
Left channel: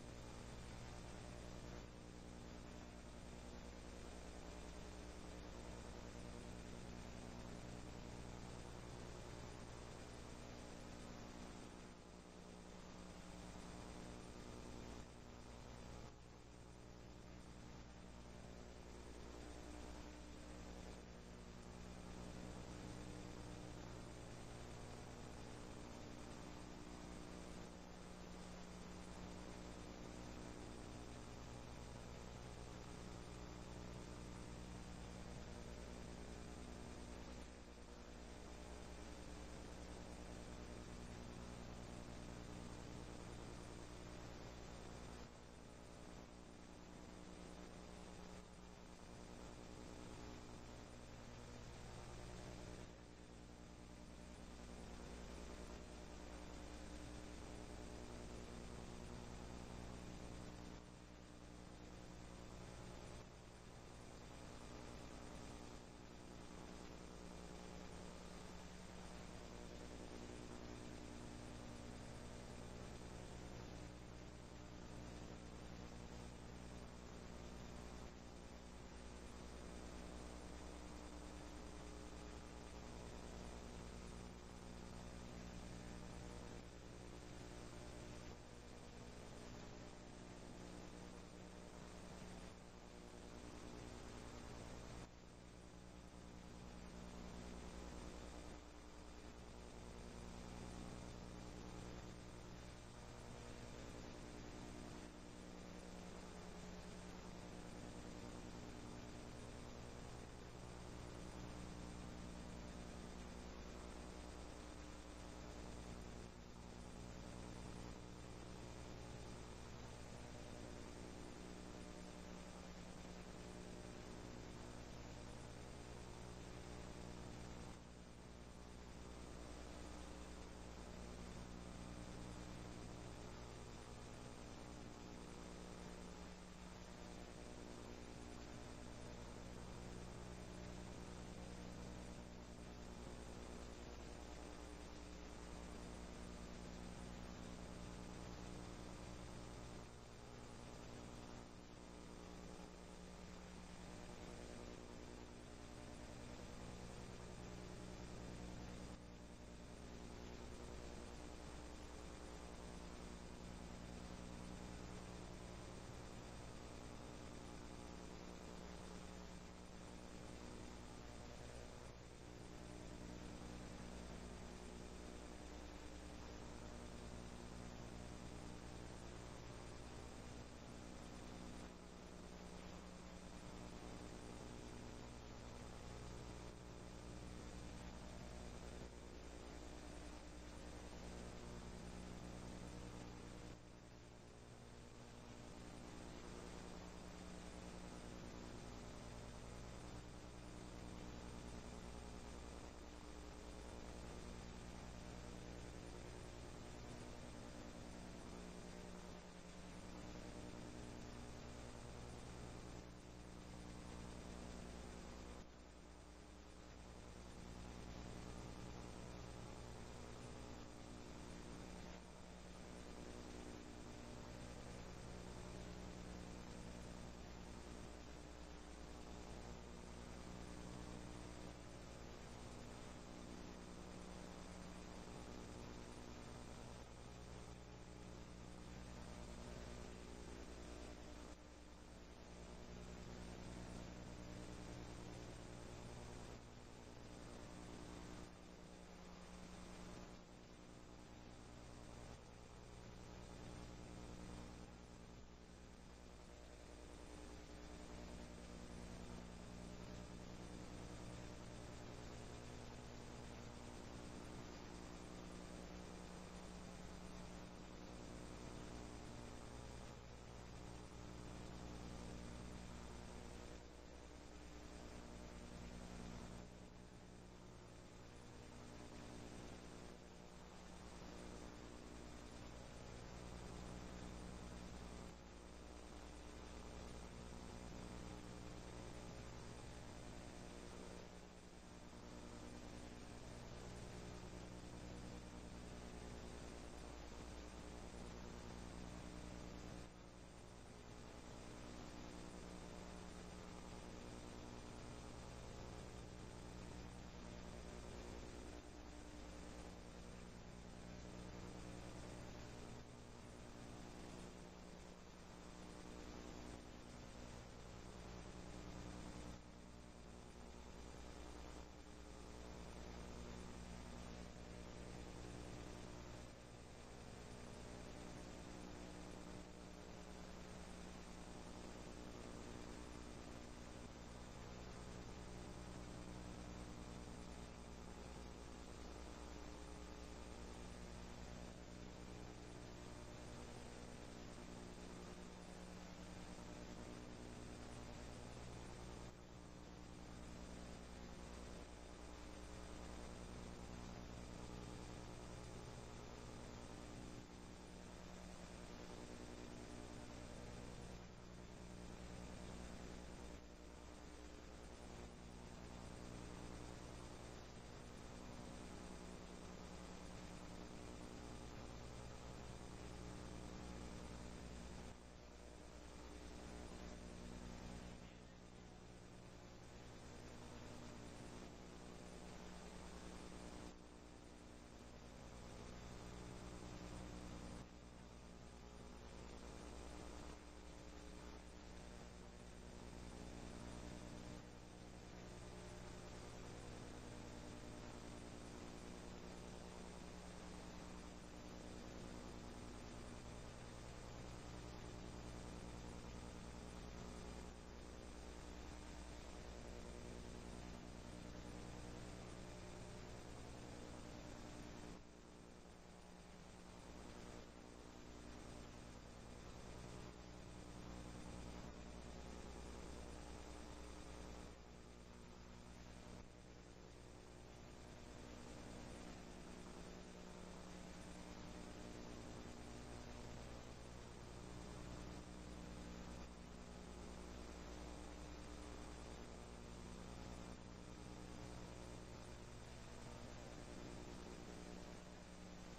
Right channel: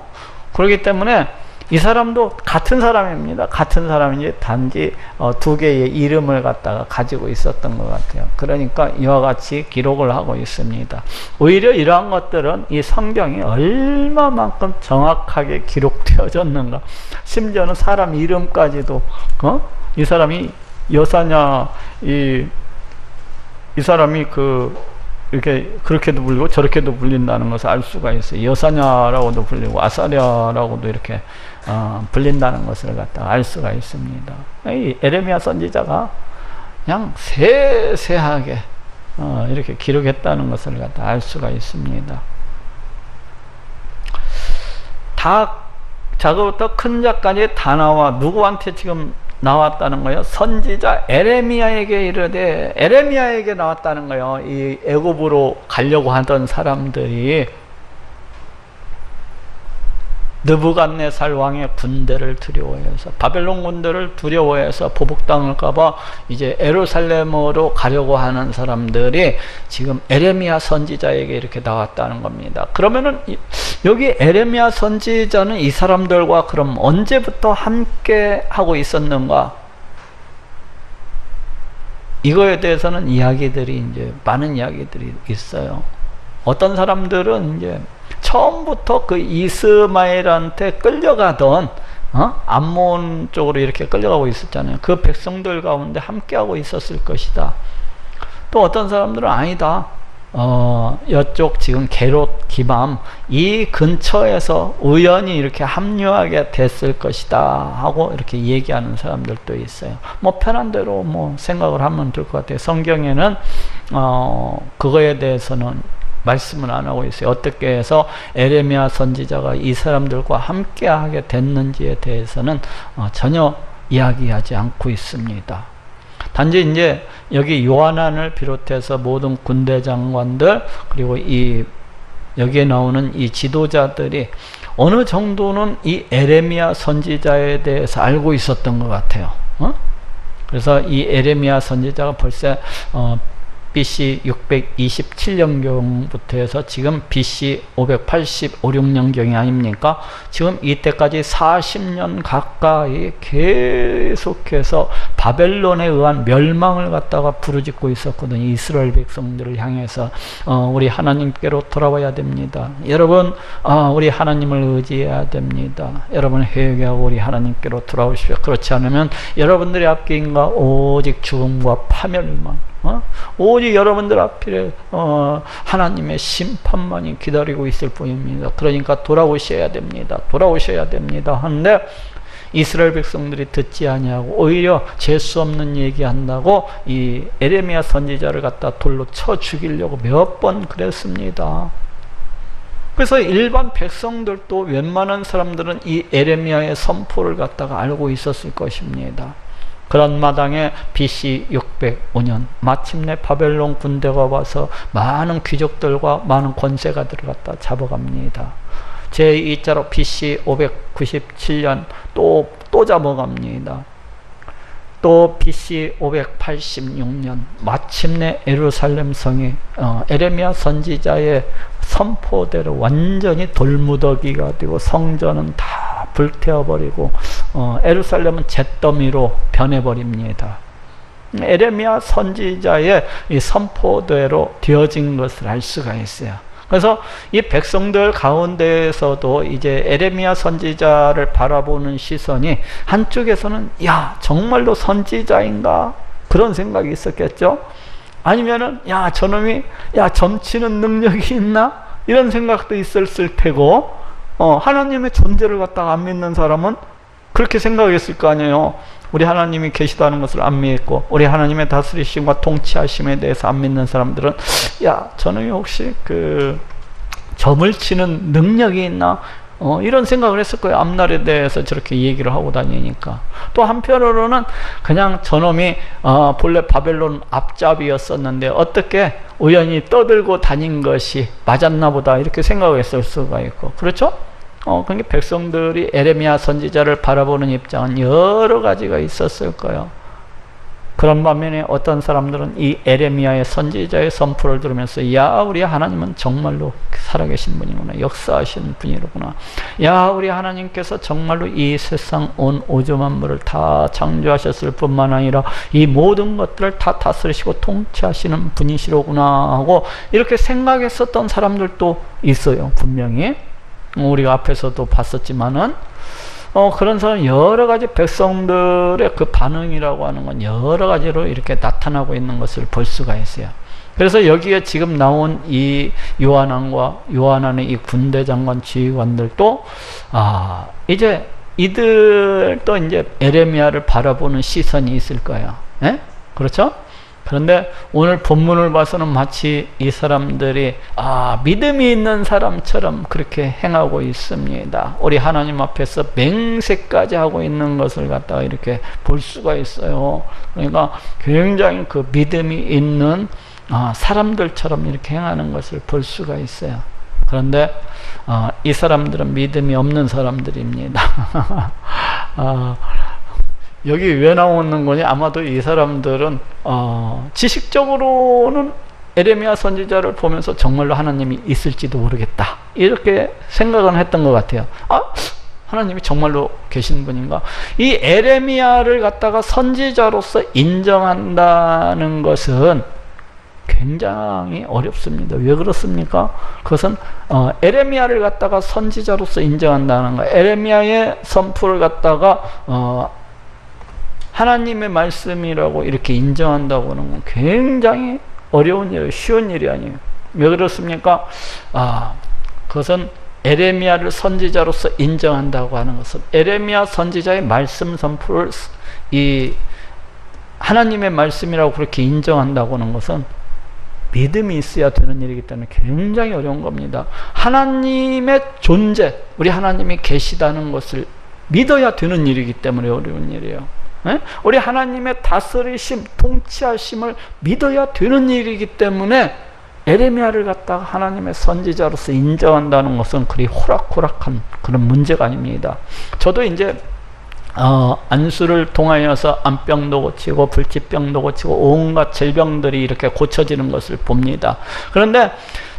그렇기 때문에 이 사람도 같은 사람입니다. 같은 사람인지 단지 두 개의 이름을 갖다가 가지고 있었던 것 같아요. 그러니까 이와 같이 기록을 하고 있습니다. 오히려 이러한 것들은 이 성경이 얼마만큼 정확하게 기록되어졌는가. 심지어는 사람 이름까지도 이 사람이 여사냐, 이 사람이 이렇게 그렇게도 불리고 저렇게도 불린다는 것을 알 수가 있어요. 여사냐라고도 불리고 아사랴라고도 이렇게 불린다는 것을 갖다 알 수가 있습니다. 이 에레미야 선지자가 그냥 세세하게 이렇게 기록했다는 것을 갖다 알 수가 있습니다. 다 작부터 큰 자까지 다 나와 누구한테 지금 나왔다는 거예요? 선지자 에레미야에게 이르되, 에레미야에게 나왔다는 거예요. 이 애굽으로 가려고 하던 사람들이 느부갓네살 왕의 군대를 두려워해서, 바벨론 군대를 두려워해서 보복당할까봐 이제 예루살렘으로 가려고 하는 사람들이 지금 에레미야 선지자에게 이렇게 나왔다는 겁니다. 그러면은 여기 에레미야 선지자는 이 사람들과 그럼 언제부터 함께 하고 있었는가? 이거에 대해서는 이야기들이 이제 많은 이야기들이 있어요. 어떤 사람들은 이제 처음부터 그 이스마엘한테 끌려가던 암몬 쪽으로 이렇게 끌려가고 있었잖아요. 그 백성들 가운데 함께하고 있었을 것이다. 또 어떤 사람들은 아니다. 이쪽 지금 게롯, 기밤 이 근처에서 우연히 이렇게 합류하게 됐을 것이다 하고 이렇게 얘기하는 사람들도 있어요. 뭐 편한 대로 뭐 생각을 하면 될 것 같아요. 성경에는 그거에 대해서는 말씀을 안 하고 있어요. 어떻게 해서 에레미야 선지자가 이 사람들과 함께 하게 됐는지에 대해서는 전혀 이야기하지 않고 있습니다. 단지 이제 여기 요하난을 비롯해서 모든 군대 장관들 그리고 여기에 나오는 이 지도자들이 어느 정도는 이 에레미야 선지자에 대해서 알고 있었던 것 같아요. 그래서 이 에레미야 선지자가 벌써 BC 627년경부터 해서 지금 BC 585, 6년경이 아닙니까? 지금 이때까지 40년 가까이 계속해서 바벨론에 의한 멸망을 갖다가 부르짖고 있었거든요. 이스라엘 백성들을 향해서 우리 하나님께로 돌아와야 됩니다. 여러분 우리 하나님을 의지해야 됩니다. 여러분 회개하고 우리 하나님께로 돌아오십시오. 그렇지 않으면 여러분들의 앞길인가 오직 죽음과 파멸만 오직 여러분들 앞에 하나님의 심판만이 기다리고 있을 뿐입니다. 그러니까 돌아오셔야 됩니다. 돌아오셔야 됩니다. 하는데 이스라엘 백성들이 듣지 아니하고 오히려 재수 없는 얘기한다고 이 에레미야 선지자를 갖다 돌로 쳐 죽이려고 몇 번 그랬습니다. 그래서 일반 백성들도 웬만한 사람들은 이 에레미야의 선포를 갖다가 알고 있었을 것입니다. 그런 마당에 BC 605년 마침내 바벨론 군대가 와서 많은 귀족들과 많은 권세가들을 갖다 잡아갑니다. 제2자로 BC 597년 또 잡아갑니다. 또 BC 586년 마침내 예루살렘 성이 에레미야 선지자의 선포대로 완전히 돌무더기가 되고 성전은 다 불태워버리고 예루살렘은 잿더미로 변해버립니다. 에레미야 선지자의 이 선포대로 되어진 것을 알 수가 있어요. 그래서 이 백성들 가운데에서도 이제 에레미야 선지자를 바라보는 시선이 한쪽에서는 야 정말로 선지자인가 그런 생각이 있었겠죠. 아니면은 야 저놈이 야 점치는 능력이 있나 이런 생각도 있었을 테고 하나님의 존재를 갖다가 안 믿는 사람은 그렇게 생각했을 거 아니에요. 우리 하나님이 계시다는 것을 안 믿고 우리 하나님의 다스리심과 통치하심에 대해서 안 믿는 사람들은 야 저놈이 혹시 그 점을 치는 능력이 있나 이런 생각을 했을 거예요. 앞날에 대해서 저렇게 얘기를 하고 다니니까. 또 한편으로는 그냥 저놈이 본래 바벨론 앞잡이였었는데 어떻게 우연히 떠들고 다닌 것이 맞았나 보다 이렇게 생각했을 수가 있고 그렇죠? 그러니까 백성들이 에레미야 선지자를 바라보는 입장은 여러 가지가 있었을 거예요. 그런 반면에 어떤 사람들은 이 에레미야의 선지자의 선포를 들으면서 야 우리 하나님은 정말로 살아계신 분이구나, 역사하시는 분이로구나, 야 우리 하나님께서 정말로 이 세상 온 우주 만물을 다 창조하셨을 뿐만 아니라 이 모든 것들을 다 다스리시고 통치하시는 분이시로구나 하고 이렇게 생각했었던 사람들도 있어요. 분명히 우리가 앞에서도 봤었지만은 그런 사람 여러 가지 백성들의 그 반응이라고 하는 건 여러 가지로 이렇게 나타나고 있는 것을 볼 수가 있어요. 그래서 여기에 지금 나온 이 요한안의 이 군대 장관 지휘관들도 이제 이들도 이제 에레미야를 바라보는 시선이 있을 거예요. 예? 그렇죠? 그런데 오늘 본문을 봐서는 마치 이 사람들이 믿음이 있는 사람처럼 그렇게 행하고 있습니다. 우리 하나님 앞에서 맹세까지 하고 있는 것을 갖다가 이렇게 볼 수가 있어요. 그러니까 굉장히 그 믿음이 있는 사람들처럼 이렇게 행하는 것을 볼 수가 있어요. 그런데 이 사람들은 믿음이 없는 사람들입니다. 여기 왜 나오는 거냐? 아마도 이 사람들은 지식적으로는 에레미야 선지자를 보면서 정말로 하나님이 있을지도 모르겠다, 이렇게 생각은 했던 것 같아요. 하나님이 정말로 계신 분인가? 이 에레미야를 갖다가 선지자로서 인정한다는 것은 굉장히 어렵습니다. 왜 그렇습니까? 그것은 에레미야를 갖다가 선지자로서 인정한다는 거, 에레미야의 선포를 갖다가 하나님의 말씀이라고 이렇게 인정한다고 하는 건 굉장히 어려운 일이에요. 쉬운 일이 아니에요. 왜 그렇습니까? 그것은 에레미야를 선지자로서 인정한다고 하는 것은 에레미야 선지자의 말씀 선포를 이 하나님의 말씀이라고 그렇게 인정한다고 하는 것은 믿음이 있어야 되는 일이기 때문에 굉장히 어려운 겁니다. 하나님의 존재, 우리 하나님이 계시다는 것을 믿어야 되는 일이기 때문에 어려운 일이에요. 우리 하나님의 다스리심, 통치하심을 믿어야 되는 일이기 때문에 에레미야를 갖다가 하나님의 선지자로서 인정한다는 것은 그리 호락호락한 그런 문제가 아닙니다. 저도 이제 안수를 통하여서 암병도 고치고 불치병도 고치고 온갖 질병들이 이렇게 고쳐지는 것을 봅니다. 그런데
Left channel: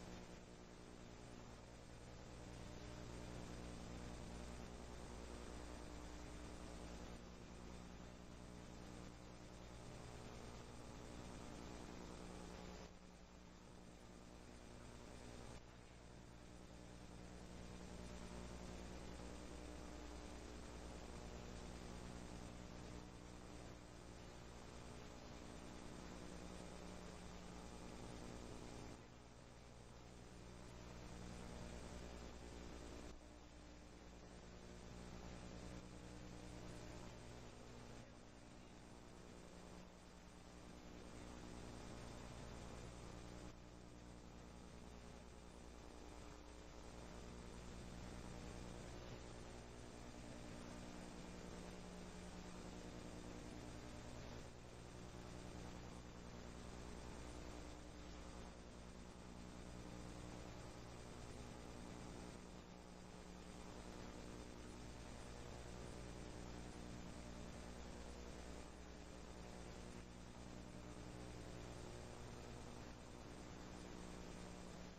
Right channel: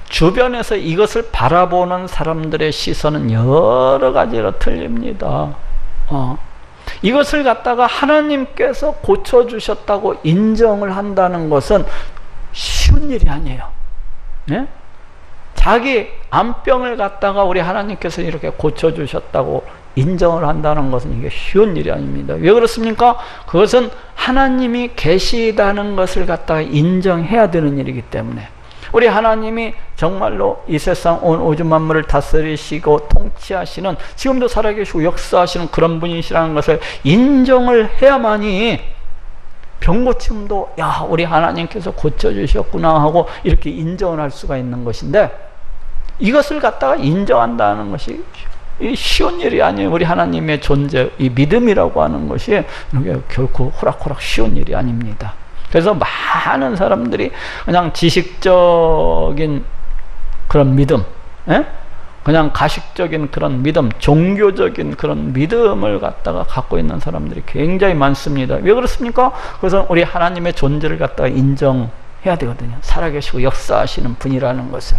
주변에서 이것을 바라보는 사람들의 시선은 여러 가지로 틀립니다. 이것을 갖다가 하나님께서 고쳐주셨다고 인정을 한다는 것은 쉬운 일이 아니에요. 네? 자기 암병을 갖다가 우리 하나님께서 이렇게 고쳐주셨다고 인정을 한다는 것은 이게 쉬운 일이 아닙니다. 왜 그렇습니까? 그것은 하나님이 계시다는 것을 갖다가 인정해야 되는 일이기 때문에 우리 하나님이 정말로 이 세상 온 우주 만물을 다스리시고 통치하시는, 지금도 살아계시고 역사하시는 그런 분이시라는 것을 인정을 해야만이 병고침도 우리 하나님께서 고쳐주셨구나 하고 이렇게 인정을 할 수가 있는 것인데, 이것을 갖다가 인정한다는 것이 쉬운 일이 아니에요. 우리 하나님의 존재, 이 믿음이라고 하는 것이 결코 호락호락 쉬운 일이 아닙니다. 그래서 많은 사람들이 그냥 지식적인 그런 믿음, 그냥 가식적인 그런 믿음, 종교적인 그런 믿음을 갖다가 갖고 있는 사람들이 굉장히 많습니다. 왜 그렇습니까? 그래서 우리 하나님의 존재를 갖다가 인정해야 되거든요. 살아계시고 역사하시는 분이라는 것을.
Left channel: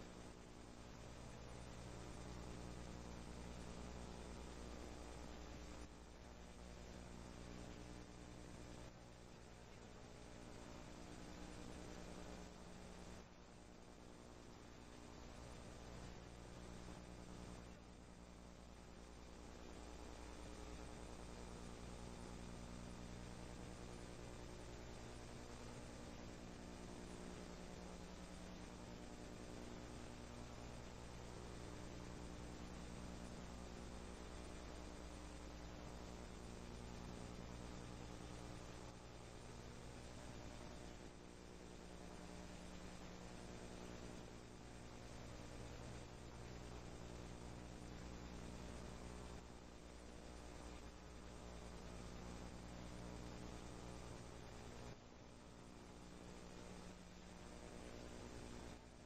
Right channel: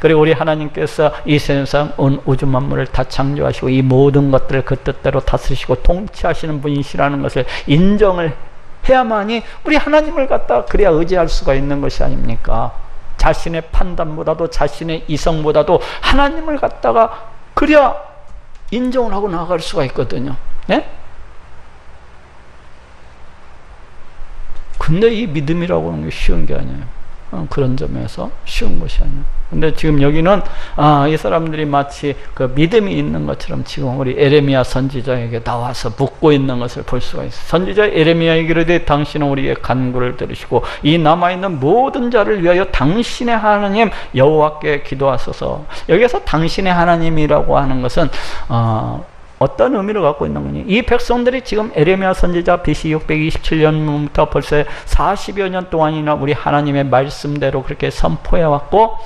그리고 우리 하나님께서 이 세상 온 우주 만물을 다 창조하시고 이 모든 것들을 그 뜻대로 다스리시고 통치하시는 분이시라는 것을 인정을 해야만이 우리 하나님을 갖다가 그래야 의지할 수가 있는 것이 아닙니까? 자신의 판단보다도 자신의 이성보다도 하나님을 갖다가 그래야 인정을 하고 나아갈 수가 있거든요. 네? 근데 이 믿음이라고 하는 게 쉬운 게 아니에요. 그런 점에서 쉬운 것이 아니에요. 근데 지금 여기는 이 사람들이 마치 그 믿음이 있는 것처럼 지금 우리 에레미야 선지자에게 나와서 묻고 있는 것을 볼 수가 있어요. 선지자 에레미야에게 이르되 당신은 우리의 간구를 들으시고 이 남아있는 모든 자를 위하여 당신의 하나님 여호와께 기도하소서. 여기서 당신의 하나님이라고 하는 것은 어떤 의미를 갖고 있는 거니? 이 백성들이 지금 에레미야 선지자 BC 627년부터 벌써 40여 년 동안이나 우리 하나님의 말씀대로 그렇게 선포해 왔고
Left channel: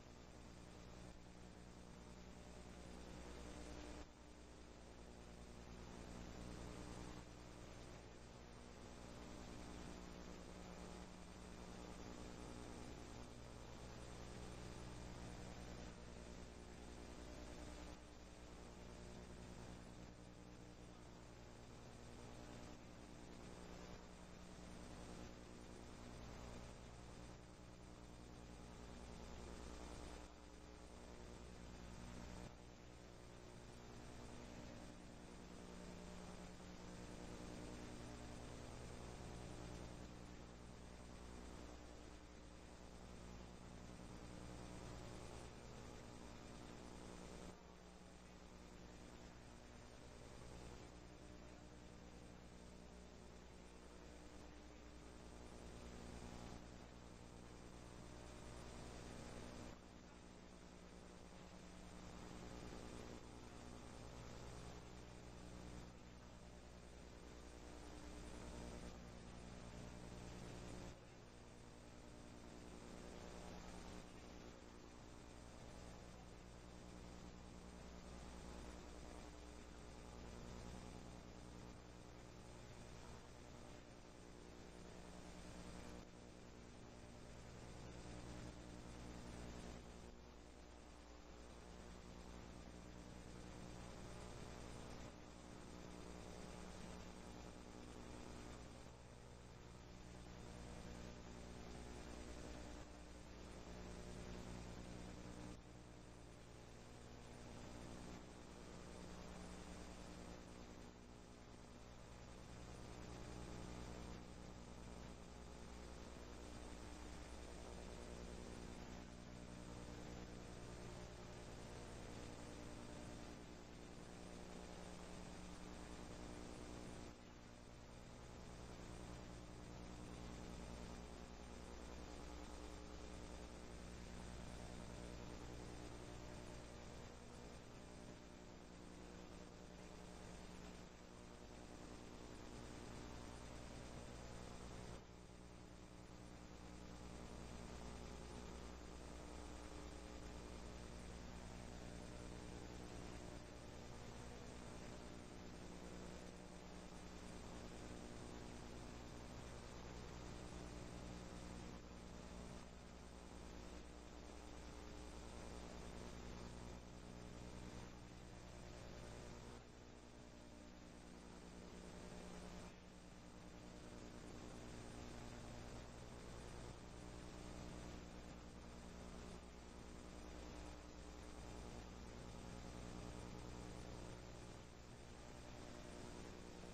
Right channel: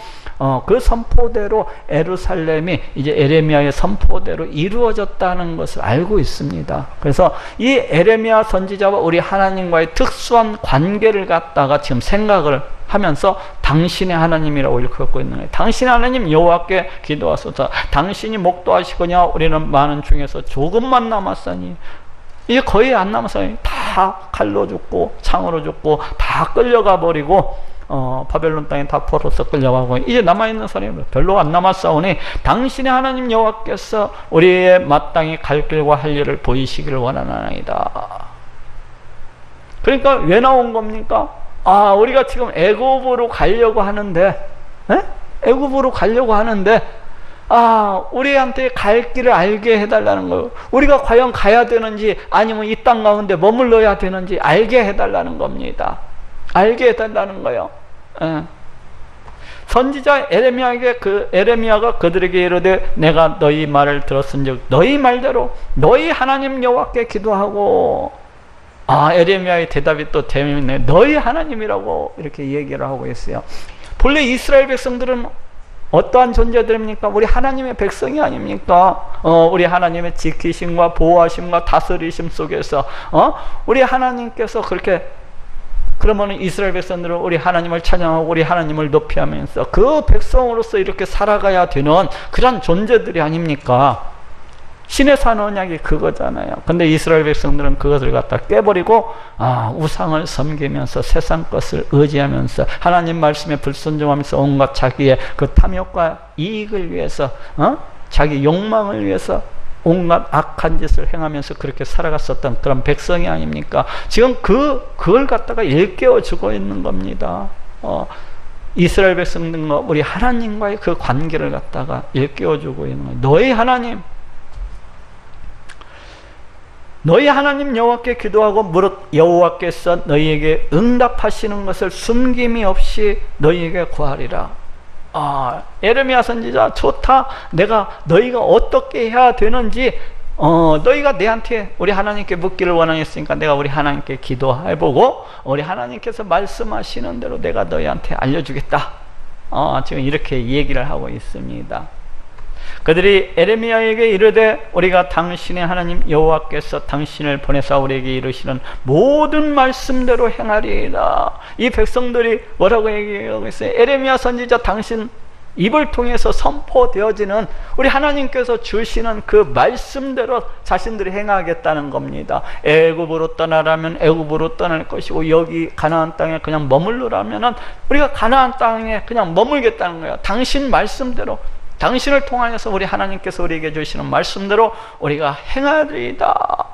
그 선포대로 예루살렘이 이제 에레미야의 선포대로 이루어졌다는 것을 알고 있습니다. 그래서 이 에레미야 선지자와 우리 하나님과의 특수한 관계를 갖다가 지금 생각을 하면서 당신의 하나님이라고 일컫고 있는 거예요. 당신의 하나님 여호와께 기도하소서. 당신이 목도하시거냐 우리는 많은 중에서 조금만 남았으니 이제 거의 안 남았어요. 다 칼로 죽고 창으로 죽고 다 끌려가 버리고 바벨론 땅에 다 포로서 끌려가고 이제 남아있는 사람이 별로 안 남았사오니 당신의 하나님 여호와께서 우리의 마땅히 갈 길과 할 일을 보이시기를 원하나이다. 그러니까 왜 나온 겁니까? 우리가 지금 애굽으로 가려고 하는데, 애굽으로 가려고 하는데, 우리한테 갈 길을 알게 해달라는 거예요. 우리가 과연 가야 되는지, 아니면 이 땅 가운데 머물러야 되는지 알게 해달라는 겁니다. 알게 해달라는 거예요. 선지자 에레미야에게 에레미야가 그들에게 이르되 내가 너희 말을 들었은즉 너희 말대로 너희 하나님 여호와께 기도하고, 에레미야의 대답이 또 재미있네. 너희 하나님이라고 이렇게 얘기를 하고 있어요. 본래 이스라엘 백성들은 어떠한 존재들입니까? 우리 하나님의 백성이 아닙니까? 우리 하나님의 지키심과 보호하심과 다스리심 속에서 우리 하나님께서 그렇게, 그러면 이스라엘 백성들은 우리 하나님을 찬양하고 우리 하나님을 높이하면서 그 백성으로서 이렇게 살아가야 되는 그런 존재들이 아닙니까? 신의 산 언약이 그거잖아요. 근데 이스라엘 백성들은 그것을 갖다 깨버리고 우상을 섬기면서 세상 것을 의지하면서 하나님 말씀에 불순종하면서 온갖 자기의 그 탐욕과 이익을 위해서 자기 욕망을 위해서 온갖 악한 짓을 행하면서 그렇게 살아갔었던 그런 백성이 아닙니까? 지금 그걸 갖다가 일깨워 주고 있는 겁니다. 이스라엘 백성들과 우리 하나님과의 그 관계를 갖다가 일깨워 주고 있는 거예요. 너희 하나님, 너희 하나님 여호와께 기도하고 무릇 여호와께서 너희에게 응답하시는 것을 숨김이 없이 너희에게 구하리라. 에레미야 선지자 좋다. 내가 너희가 어떻게 해야 되는지 너희가 내한테 우리 하나님께 묻기를 원하였으니까 내가 우리 하나님께 기도해보고 우리 하나님께서 말씀하시는 대로 내가 너희한테 알려주겠다. 지금 이렇게 얘기를 하고 있습니다. 그들이 에레미야에게 이르되 우리가 당신의 하나님 여호와께서 당신을 보내사 우리에게 이르시는 모든 말씀대로 행하리이다. 이 백성들이 뭐라고 얘기하고 있어요? 에레미야 선지자 당신 입을 통해서 선포되어지는 우리 하나님께서 주시는 그 말씀대로 자신들이 행하겠다는 겁니다. 애굽으로 떠나라면 애굽으로 떠날 것이고 여기 가나안 땅에 그냥 머물러라면 우리가 가나안 땅에 그냥 머물겠다는 거예요. 당신 말씀대로, 당신을 통하여서 우리 하나님께서 우리에게 주시는 말씀대로 우리가 행하리이다.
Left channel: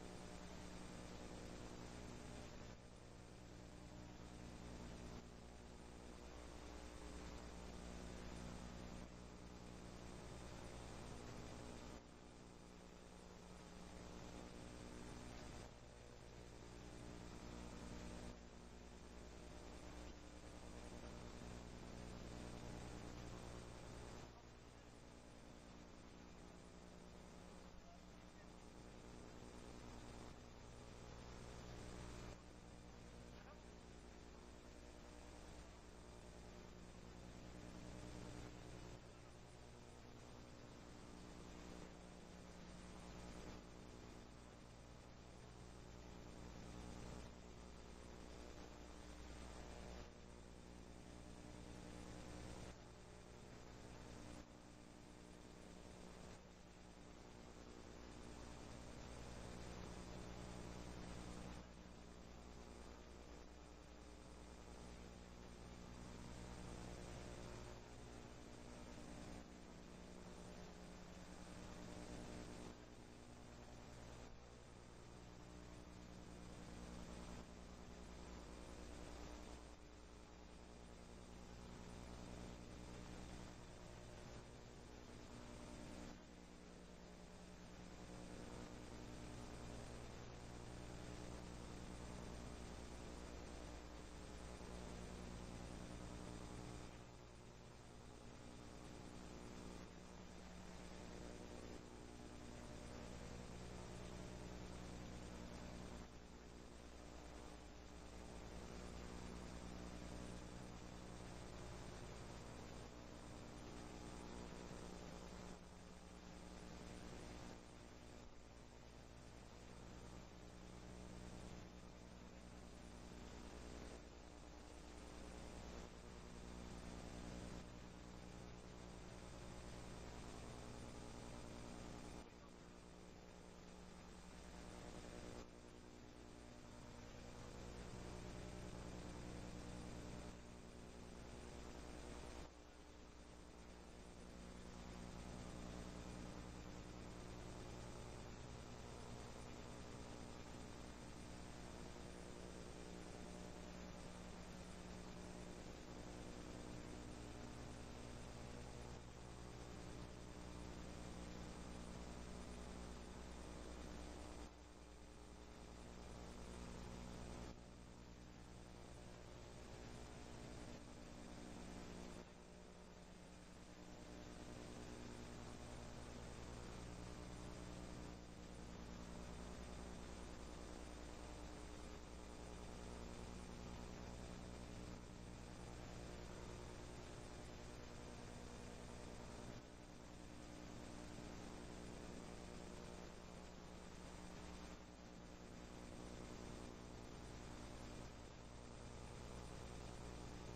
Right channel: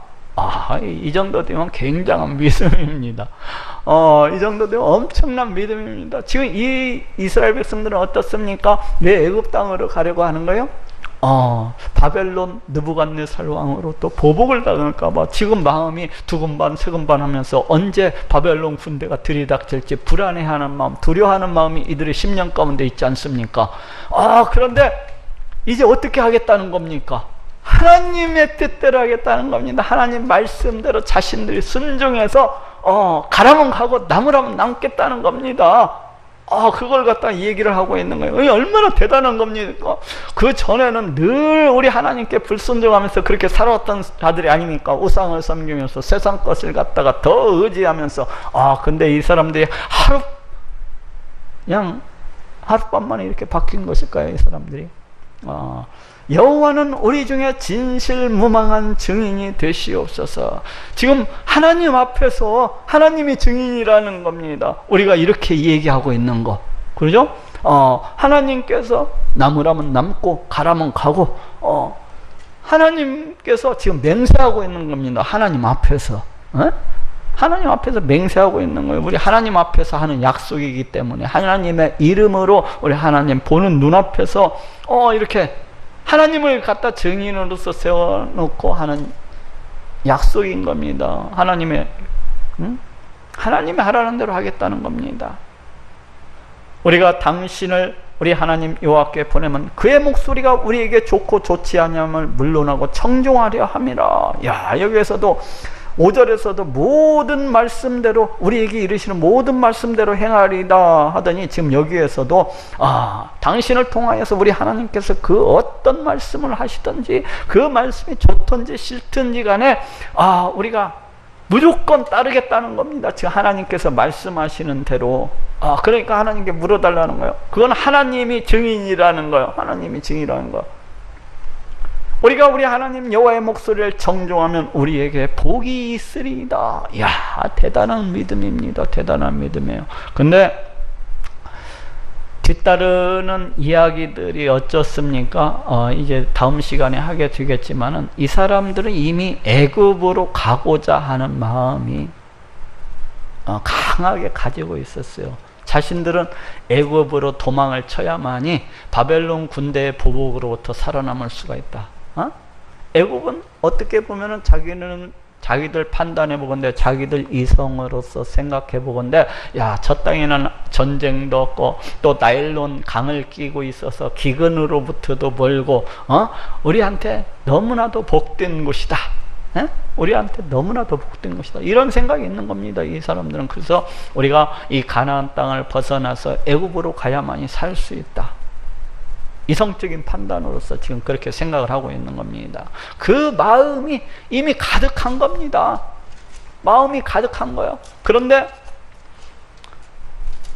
이 정도 되면 굉장한 믿음입니다. 이 정도 되면 엄청난 믿음입니다. 지금 이 이스라엘 백성들은 어떻습니까? 왜 애굽 땅으로 가려고 하는 거예요? 바벨론 느부갓네살 왕으로 또 보복을 당할까봐 지금 마음이 두근반 세근반 하면서 언제 바벨론 군대가 들이닥칠지 불안해하는 마음, 두려워하는 마음이 이들의 심령 가운데 있지 않습니까? 그런데 이제 어떻게 하겠다는 겁니까? 하나님의 뜻대로 하겠다는 겁니다. 하나님 말씀대로 자신들이 순종해서 가라면 가고 남으라면 남겠다는 겁니다. 그걸 갖다 얘기를 하고 있는 거예요. 얼마나 대단한 겁니까? 그 전에는 늘 우리 하나님께 불순종하면서 그렇게 살아왔던 자들이 아닙니까? 우상을 섬기면서 세상 것을 갖다가 더 의지하면서. 근데 이 사람들이 그냥 하룻밤만에 이렇게 바뀐 것일까요? 이 사람들이. 여호와는 우리 중에 진실무망한 증인이 되시옵소서. 지금 하나님 앞에서 하나님이 증인이라는 겁니다. 우리가 이렇게 얘기하고 있는 거, 그러죠? 하나님께서 남으라면 남고 가라면 가고, 하나님께서 지금 맹세하고 있는 겁니다. 하나님 앞에서. 하나님 앞에서 맹세하고 있는 거예요. 우리 하나님 앞에서 하는 약속이기 때문에 하나님의 이름으로 우리 하나님 보는 눈앞에서 이렇게 하나님을 갖다 증인으로서 세워놓고 하는 약속인 겁니다. 하나님이 하라는 대로 하겠다는 겁니다. 우리가 당신을 우리 하나님 여호와께 보내면 그의 목소리가 우리에게 좋고 좋지 아니함을 물론하고 청종하려 함이라. 여기에서도 5절에서도 모든 말씀대로 우리에게 이르시는 모든 말씀대로 행하리다 하더니 지금 여기에서도 당신을 통하여서 우리 하나님께서 그 어떤 말씀을 하시든지 그 말씀이 좋든지 싫든지 간에 우리가 무조건 따르겠다는 겁니다. 지금 하나님께서 말씀하시는 대로. 그러니까 하나님께 물어달라는 거예요. 그건 하나님이 증인이라는 거예요. 하나님이 증인이라는 거예요. 우리가 우리 하나님 여호와의 목소리를 정종하면 우리에게 복이 있으리이다. 이야, 대단한 믿음입니다. 대단한 믿음이에요. 근데 뒤따르는 이야기들이 어쩌습니까? 이제 다음 시간에 하게 되겠지만은 이 사람들은 이미 애굽으로 가고자 하는 마음이 강하게 가지고 있었어요. 자신들은 애굽으로 도망을 쳐야만이 바벨론 군대의 보복으로부터 살아남을 수가 있다. 애굽은 어떻게 보면은 자기들 판단해 보건대, 자기들 이성으로서 생각해 보건대, 저 땅에는 전쟁도 없고 또 나일론 강을 끼고 있어서 기근으로부터도 멀고 우리한테 너무나도 복된 곳이다. 우리한테 너무나도 복된 것이다. 이런 생각이 있는 겁니다, 이 사람들은. 그래서 우리가 이 가나안 땅을 벗어나서 애굽으로 가야만이 살 수 있다. 이성적인 판단으로서 지금 그렇게 생각을 하고 있는 겁니다. 그 마음이 이미 가득한 겁니다. 마음이 가득한 거예요. 그런데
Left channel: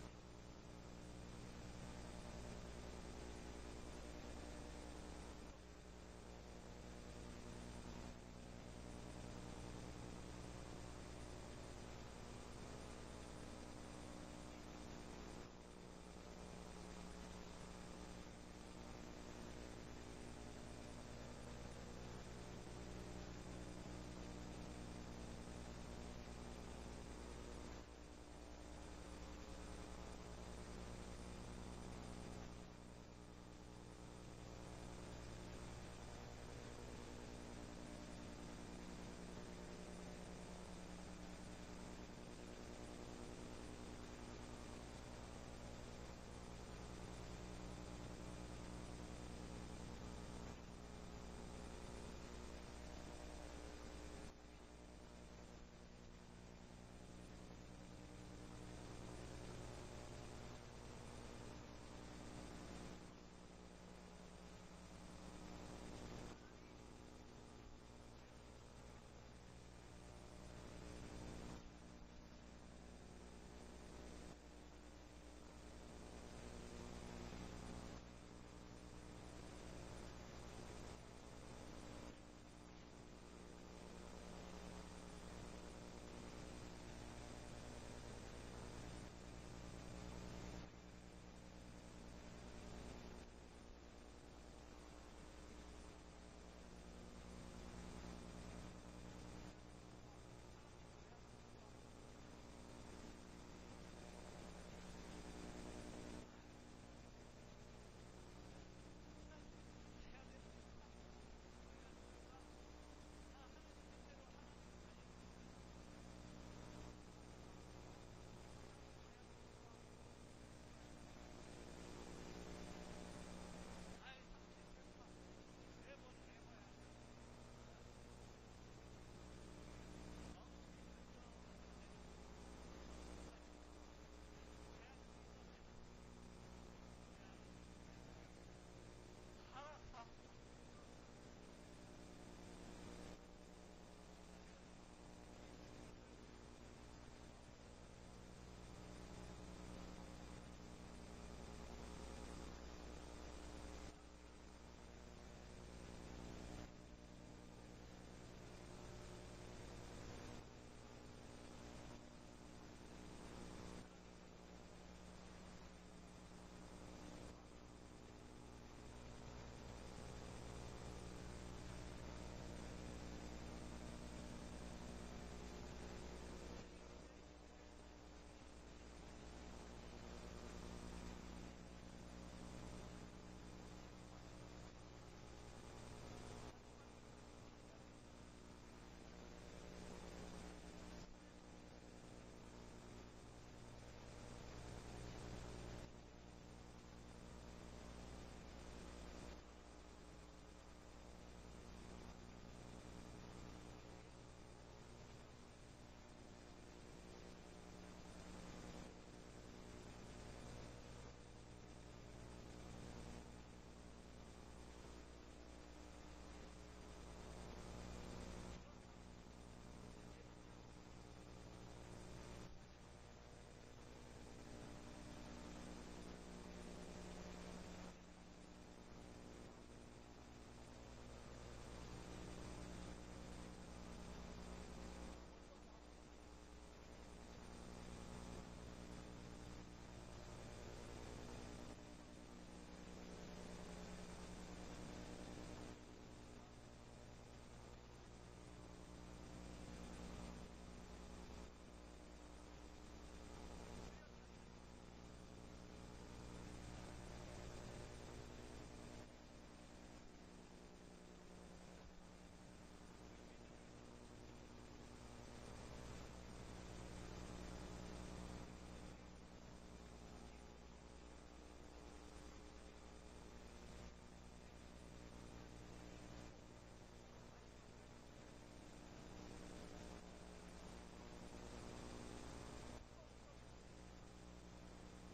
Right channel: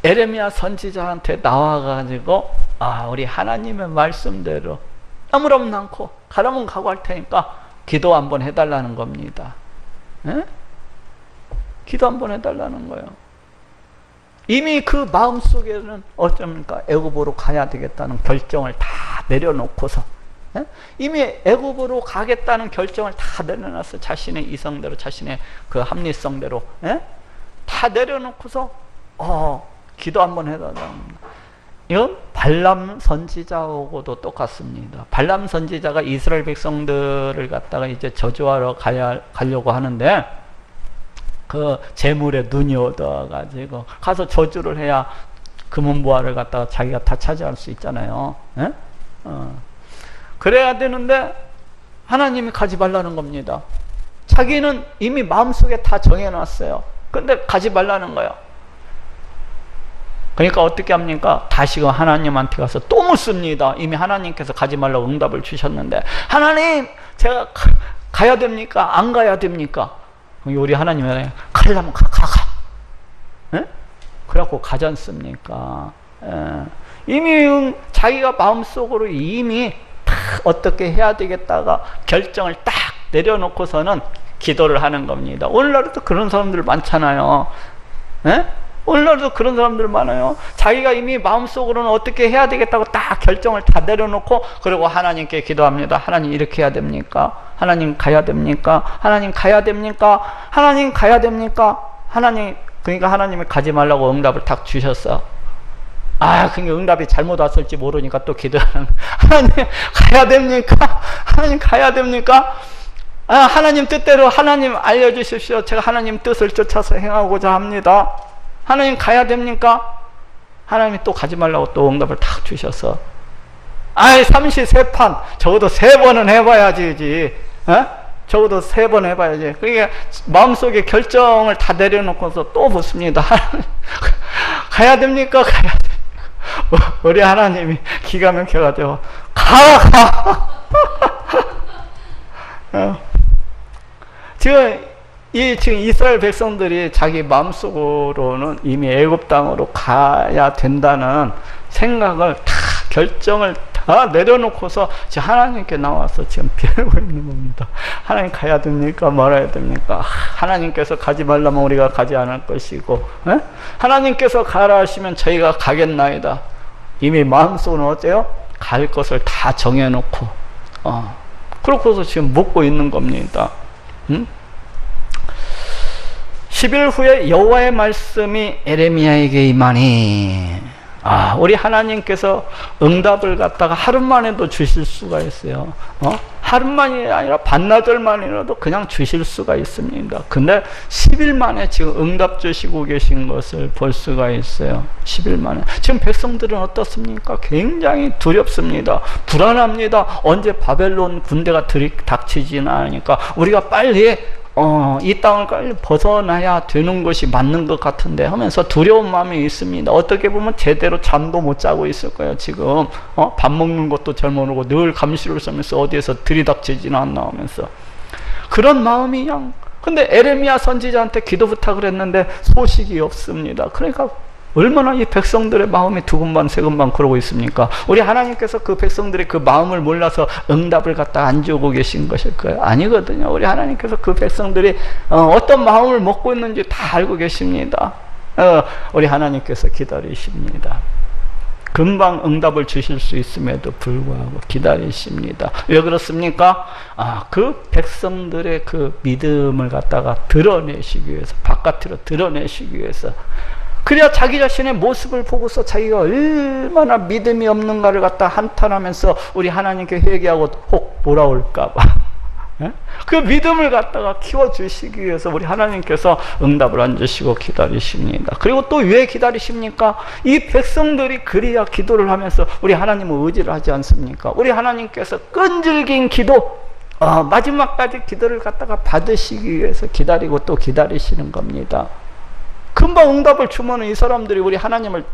에레미야 선지자한테 나와가지고 우리 하나님의 말씀대로 아무렇지 않고 가라면 가고 할 테니까 기도 한번 해달라는 겁니다. 기도 한번 해달라는 거예요. 이미 그 마음속에는 어쩝니까? 애굽으로 가야 되겠다는 결정을 다 내려놓고서, 이미 애굽으로 가겠다는 결정을 다 내려놨어. 자신의 이성대로, 자신의 그 합리성대로, 다 내려놓고서 기도 한번 해달랍니다. 이건 발람 선지자하고도 똑같습니다. 발람 선지자가 이스라엘 백성들을 갖다가 이제 저주하러 가려고 하는데, 그 재물에 눈이 얻어가지고 가서 저주를 해야 금은보화를 갖다가 자기가 다 차지할 수 있잖아요. 그래야 되는데 하나님이 가지 말라는 겁니다. 자기는 이미 마음속에 다 정해놨어요. 근데 가지 말라는 거예요. 그러니까 어떻게 합니까? 다시금 하나님한테 가서 또 묻습니다. 이미 하나님께서 가지 말라고 응답을 주셨는데, 하나님, 제가 가야 됩니까? 안 가야 됩니까? 우리 하나님은 가려면 가. 그래갖고 가지 않습니까? 이미 자기가 마음속으로 이미 딱 어떻게 해야 되겠다가 결정을 딱 내려놓고서는 기도를 하는 겁니다. 오늘날도 그런 사람들 많잖아요. 오늘날도 그런 사람들 많아요. 자기가 이미 마음속으로는 어떻게 해야 되겠다고 딱 결정을 다 내려놓고, 그리고 하나님께 기도합니다. 하나님, 이렇게 해야 됩니까? 하나님, 가야 됩니까? 하나님, 가야 됩니까? 하나님, 가야 됩니까? 하나님, 그러니까 하나님이 가지 말라고 응답을 딱 주셨어. 그러니까 응답이 잘못 왔을지 모르니까 또 기도하는, 하나님, 가야 됩니까? 하나님, 가야 됩니까? 하나님 뜻대로 하나님 알려주십시오. 제가 하나님 뜻을 쫓아서 행하고자 합니다. 하나님, 가야 됩니까? 하나님이 또 가지 말라고 또 응답을 탁 주셔서, 삼시세판 적어도 3번은 해봐야지. 적어도 3번 해봐야지. 그러니까 마음속에 결정을 다 내려놓고서 또 묻습니다. 가야 됩니까? 가야 됩니까? 우리 하나님이 기가 막혀가지고 가. 지금 이스라엘 백성들이 자기 마음속으로는 이미 애굽 땅으로 가야 된다는 생각을 다, 결정을 다 내려놓고서 지금 하나님께 나와서 지금 빌고 있는 겁니다. 하나님, 가야 됩니까? 말아야 됩니까? 하나님께서 가지 말라면 우리가 가지 않을 것이고, 하나님께서 가라 하시면 저희가 가겠나이다. 이미 마음속으로는 어때요? 갈 것을 다 정해놓고, 그렇고서 지금 묻고 있는 겁니다. 10일 후에 여호와의 말씀이 에레미야에게 임하니, 우리 하나님께서 응답을 갖다가 하루만에도 주실 수가 있어요. 하루만이 아니라 반나절만이라도 그냥 주실 수가 있습니다. 근데 10일 만에 지금 응답 주시고 계신 것을 볼 수가 있어요. 10일 만에. 지금 백성들은 어떻습니까? 굉장히 두렵습니다. 불안합니다. 언제 바벨론 군대가 들이닥치지는 않으니까 우리가 빨리 이 땅을 빨리 벗어나야 되는 것이 맞는 것 같은데 하면서 두려운 마음이 있습니다. 어떻게 보면 제대로 잠도 못 자고 있을 거예요. 지금 밥 먹는 것도 잘 모르고 늘 감시를 쓰면서 어디에서 들이닥치지는 않나 하면서 그런 마음이 그냥. 근데 에레미야 선지자한테 기도 부탁을 했는데 소식이 없습니다. 그러니까 얼마나 이 백성들의 마음이 두근반 세근반 그러고 있습니까? 우리 하나님께서 그 백성들의 그 마음을 몰라서 응답을 갖다 안 주고 계신 것일까요? 아니거든요. 우리 하나님께서 그 백성들이 어떤 마음을 먹고 있는지 다 알고 계십니다. 우리 하나님께서 기다리십니다. 금방 응답을 주실 수 있음에도 불구하고 기다리십니다. 왜 그렇습니까? 그 백성들의 그 믿음을 갖다가 드러내시기 위해서, 바깥으로 드러내시기 위해서. 그래야 자기 자신의 모습을 보고서 자기가 얼마나 믿음이 없는가를 갖다 한탄하면서 우리 하나님께 회개하고 혹 돌아올까봐 그 믿음을 갖다가 키워주시기 위해서 우리 하나님께서 응답을 안 주시고 기다리십니다. 그리고 또 왜 기다리십니까? 이 백성들이 그래야 기도를 하면서 우리 하나님을 의지를 하지 않습니까? 우리 하나님께서 끈질긴 기도, 마지막까지 기도를 갖다가 받으시기 위해서 기다리고 또 기다리시는 겁니다. 금방 응답을 주면 이 사람들이 우리 하나님을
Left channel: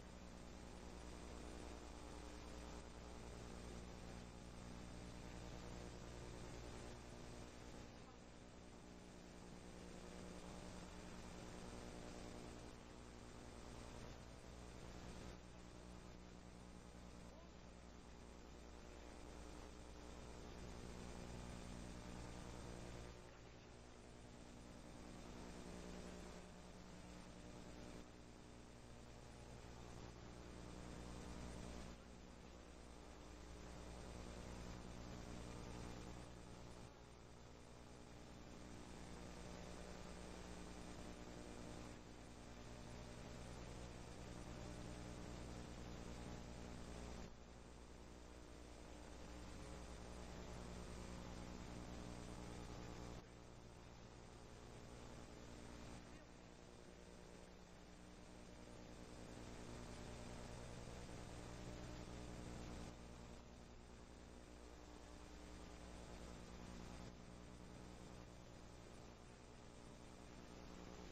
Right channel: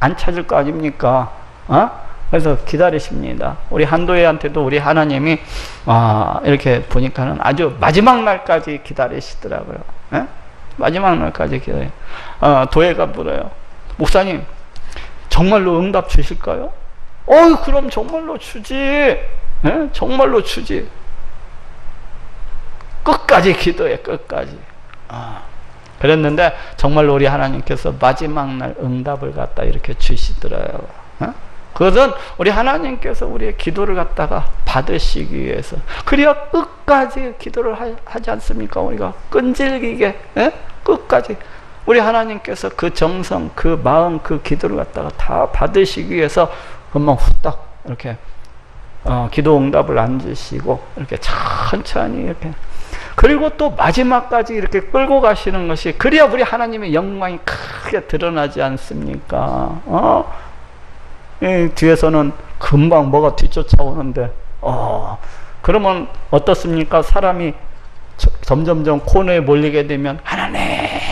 안 찾을 거 아닙니까? 그래서 기다리십니다. 우리 한도혜한테도 우리 하나님이 이렇게 보니까는 아주 마지막 날까지 기다리시더라고요. 마지막 날까지 기다려요. 도혜가 물어요. 목사님, 정말로 응답 주실까요? 그럼 정말로 주지. 정말로 주지. 끝까지 기도해, 끝까지. 그랬는데 정말로 우리 하나님께서 마지막 날 응답을 갖다 이렇게 주시더라고요. 그것은 우리 하나님께서 우리의 기도를 갖다가 받으시기 위해서. 그래야 끝까지 기도를 하지 않습니까? 우리가 끈질기게 끝까지 우리 하나님께서 그 정성, 그 마음, 그 기도를 갖다가 다 받으시기 위해서 금방 후딱 이렇게 기도 응답을 안 주시고 이렇게 천천히 이렇게, 그리고 또 마지막까지 이렇게 끌고 가시는 것이, 그래야 우리 하나님의 영광이 크게 드러나지 않습니까? 이 뒤에서는 금방 뭐가 뒤쫓아오는데, 그러면 어떻습니까? 사람이 점점점 코너에 몰리게 되면 하나님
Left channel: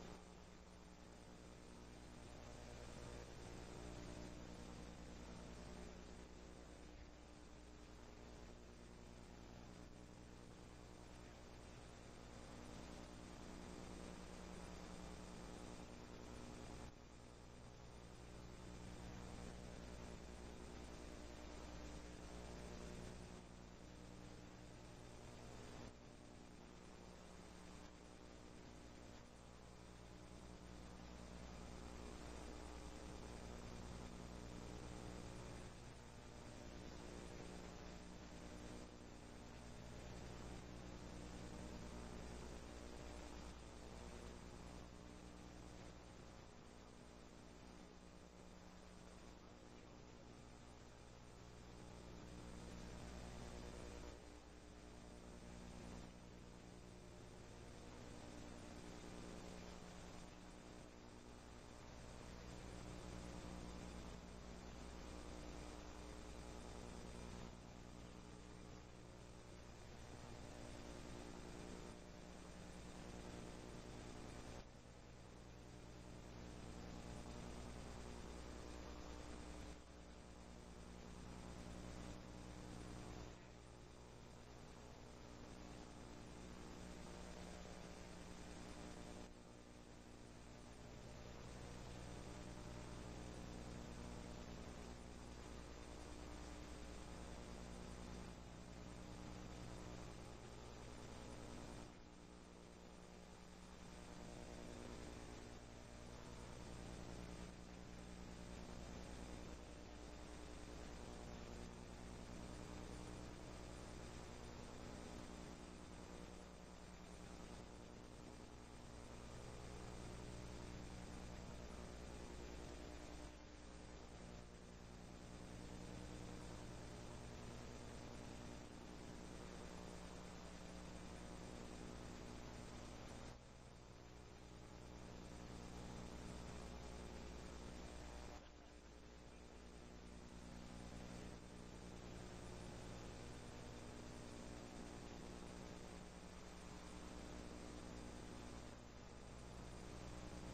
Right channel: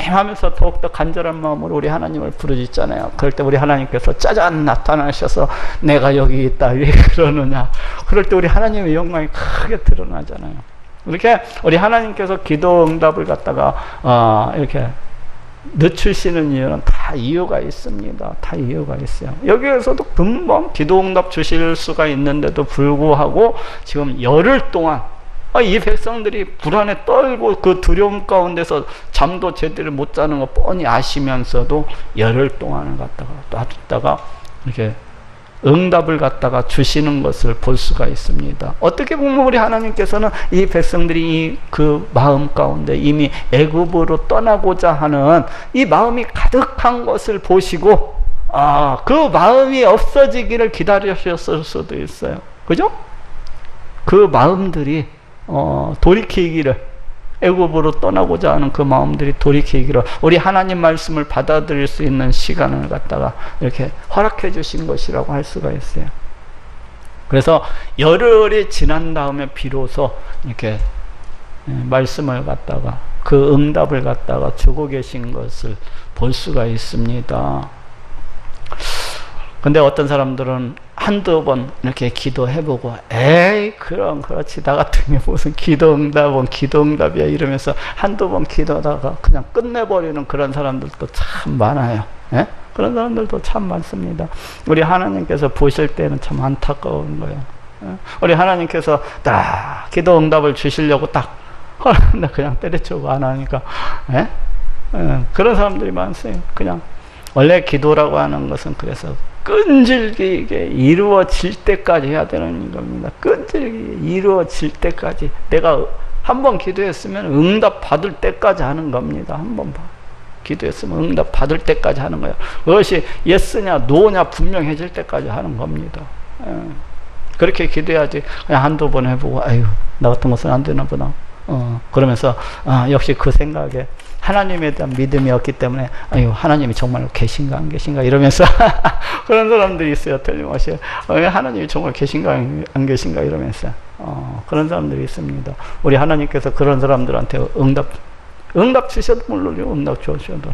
하면서 더욱더 간절한 마음으로 우리 하나님을 부르짖잖아요. 그럴 때 우리 하나님께서 짜잔 나타나셔서 내가 여기 있다, 왜 그러느냐. 그럴 때 우리 하나님의 영광이 크게 드러나잖아요. 이렇게 우리 하나님께서 기도 응답을 갖다가 이렇게 늦추시는 이유는 다 이유가 있습니다. 다 이유가 있어요. 여기에서도 금방 기도 응답 주실 수가 있는데도 불구하고 지금 열흘 동안 이 백성들이 불안에 떨고 그 두려움 가운데서 잠도 제대로 못 자는 거 뻔히 아시면서도 열흘 동안을 갖다가 놔뒀다가 이렇게 응답을 갖다가 주시는 것을 볼 수가 있습니다. 어떻게 보면 우리 하나님께서는 이 백성들이 그 마음 가운데 이미 애굽으로 떠나고자 하는 이 마음이 가득한 것을 보시고 그 마음이 없어지기를 기다리셨을 수도 있어요. 그죠? 그 마음들이 돌이키기를, 애굽으로 떠나고자 하는 그 마음들이 돌이키기를 우리 하나님 말씀을 받아들일 수 있는 시간을 갖다가 이렇게 허락해 주신 것이라고 할 수가 있어요. 그래서 열흘이 지난 다음에 비로소 이렇게 말씀을 갖다가 그 응답을 갖다가 주고 계신 것을 볼 수가 있습니다. 근데 어떤 사람들은 한두 번 이렇게 기도해보고 에이 그렇지 나 같은 게 무슨 기도응답은 기도응답이야 이러면서 한두 번 기도하다가 그냥 끝내버리는 그런 사람들도 참 많아요. 그런 사람들도 참 많습니다. 우리 하나님께서 보실 때는 참 안타까운 거예요. 우리 하나님께서 딱 기도응답을 주시려고 딱 하는데 그냥 때려치우고 안 하니까 그런 사람들이 많어요. 그냥 원래 기도라고 하는 것은 그래서 끈질기게 이루어질 때까지 해야 되는 겁니다. 끈질기게 이루어질 때까지. 내가 한 번 기도했으면 응답 받을 때까지 하는 겁니다. 한 번 기도했으면 응답 받을 때까지 하는 거예요. 그것이 예스냐 노냐 분명해질 때까지 하는 겁니다. 그렇게 기도해야지 그냥 한두 번 해보고 아유 나 같은 것은 안 되나 보다 그러면서 역시 그 생각에 하나님에 대한 믿음이 없기 때문에 아유 하나님이 정말 계신가 안 계신가 이러면서 그런 사람들이 있어요. 틀림없이 하나님이 정말 계신가 안 계신가 이러면서 그런 사람들이 있습니다. 우리 하나님께서 그런 사람들한테 응답 주셔도 물론이요, 응답 주셔도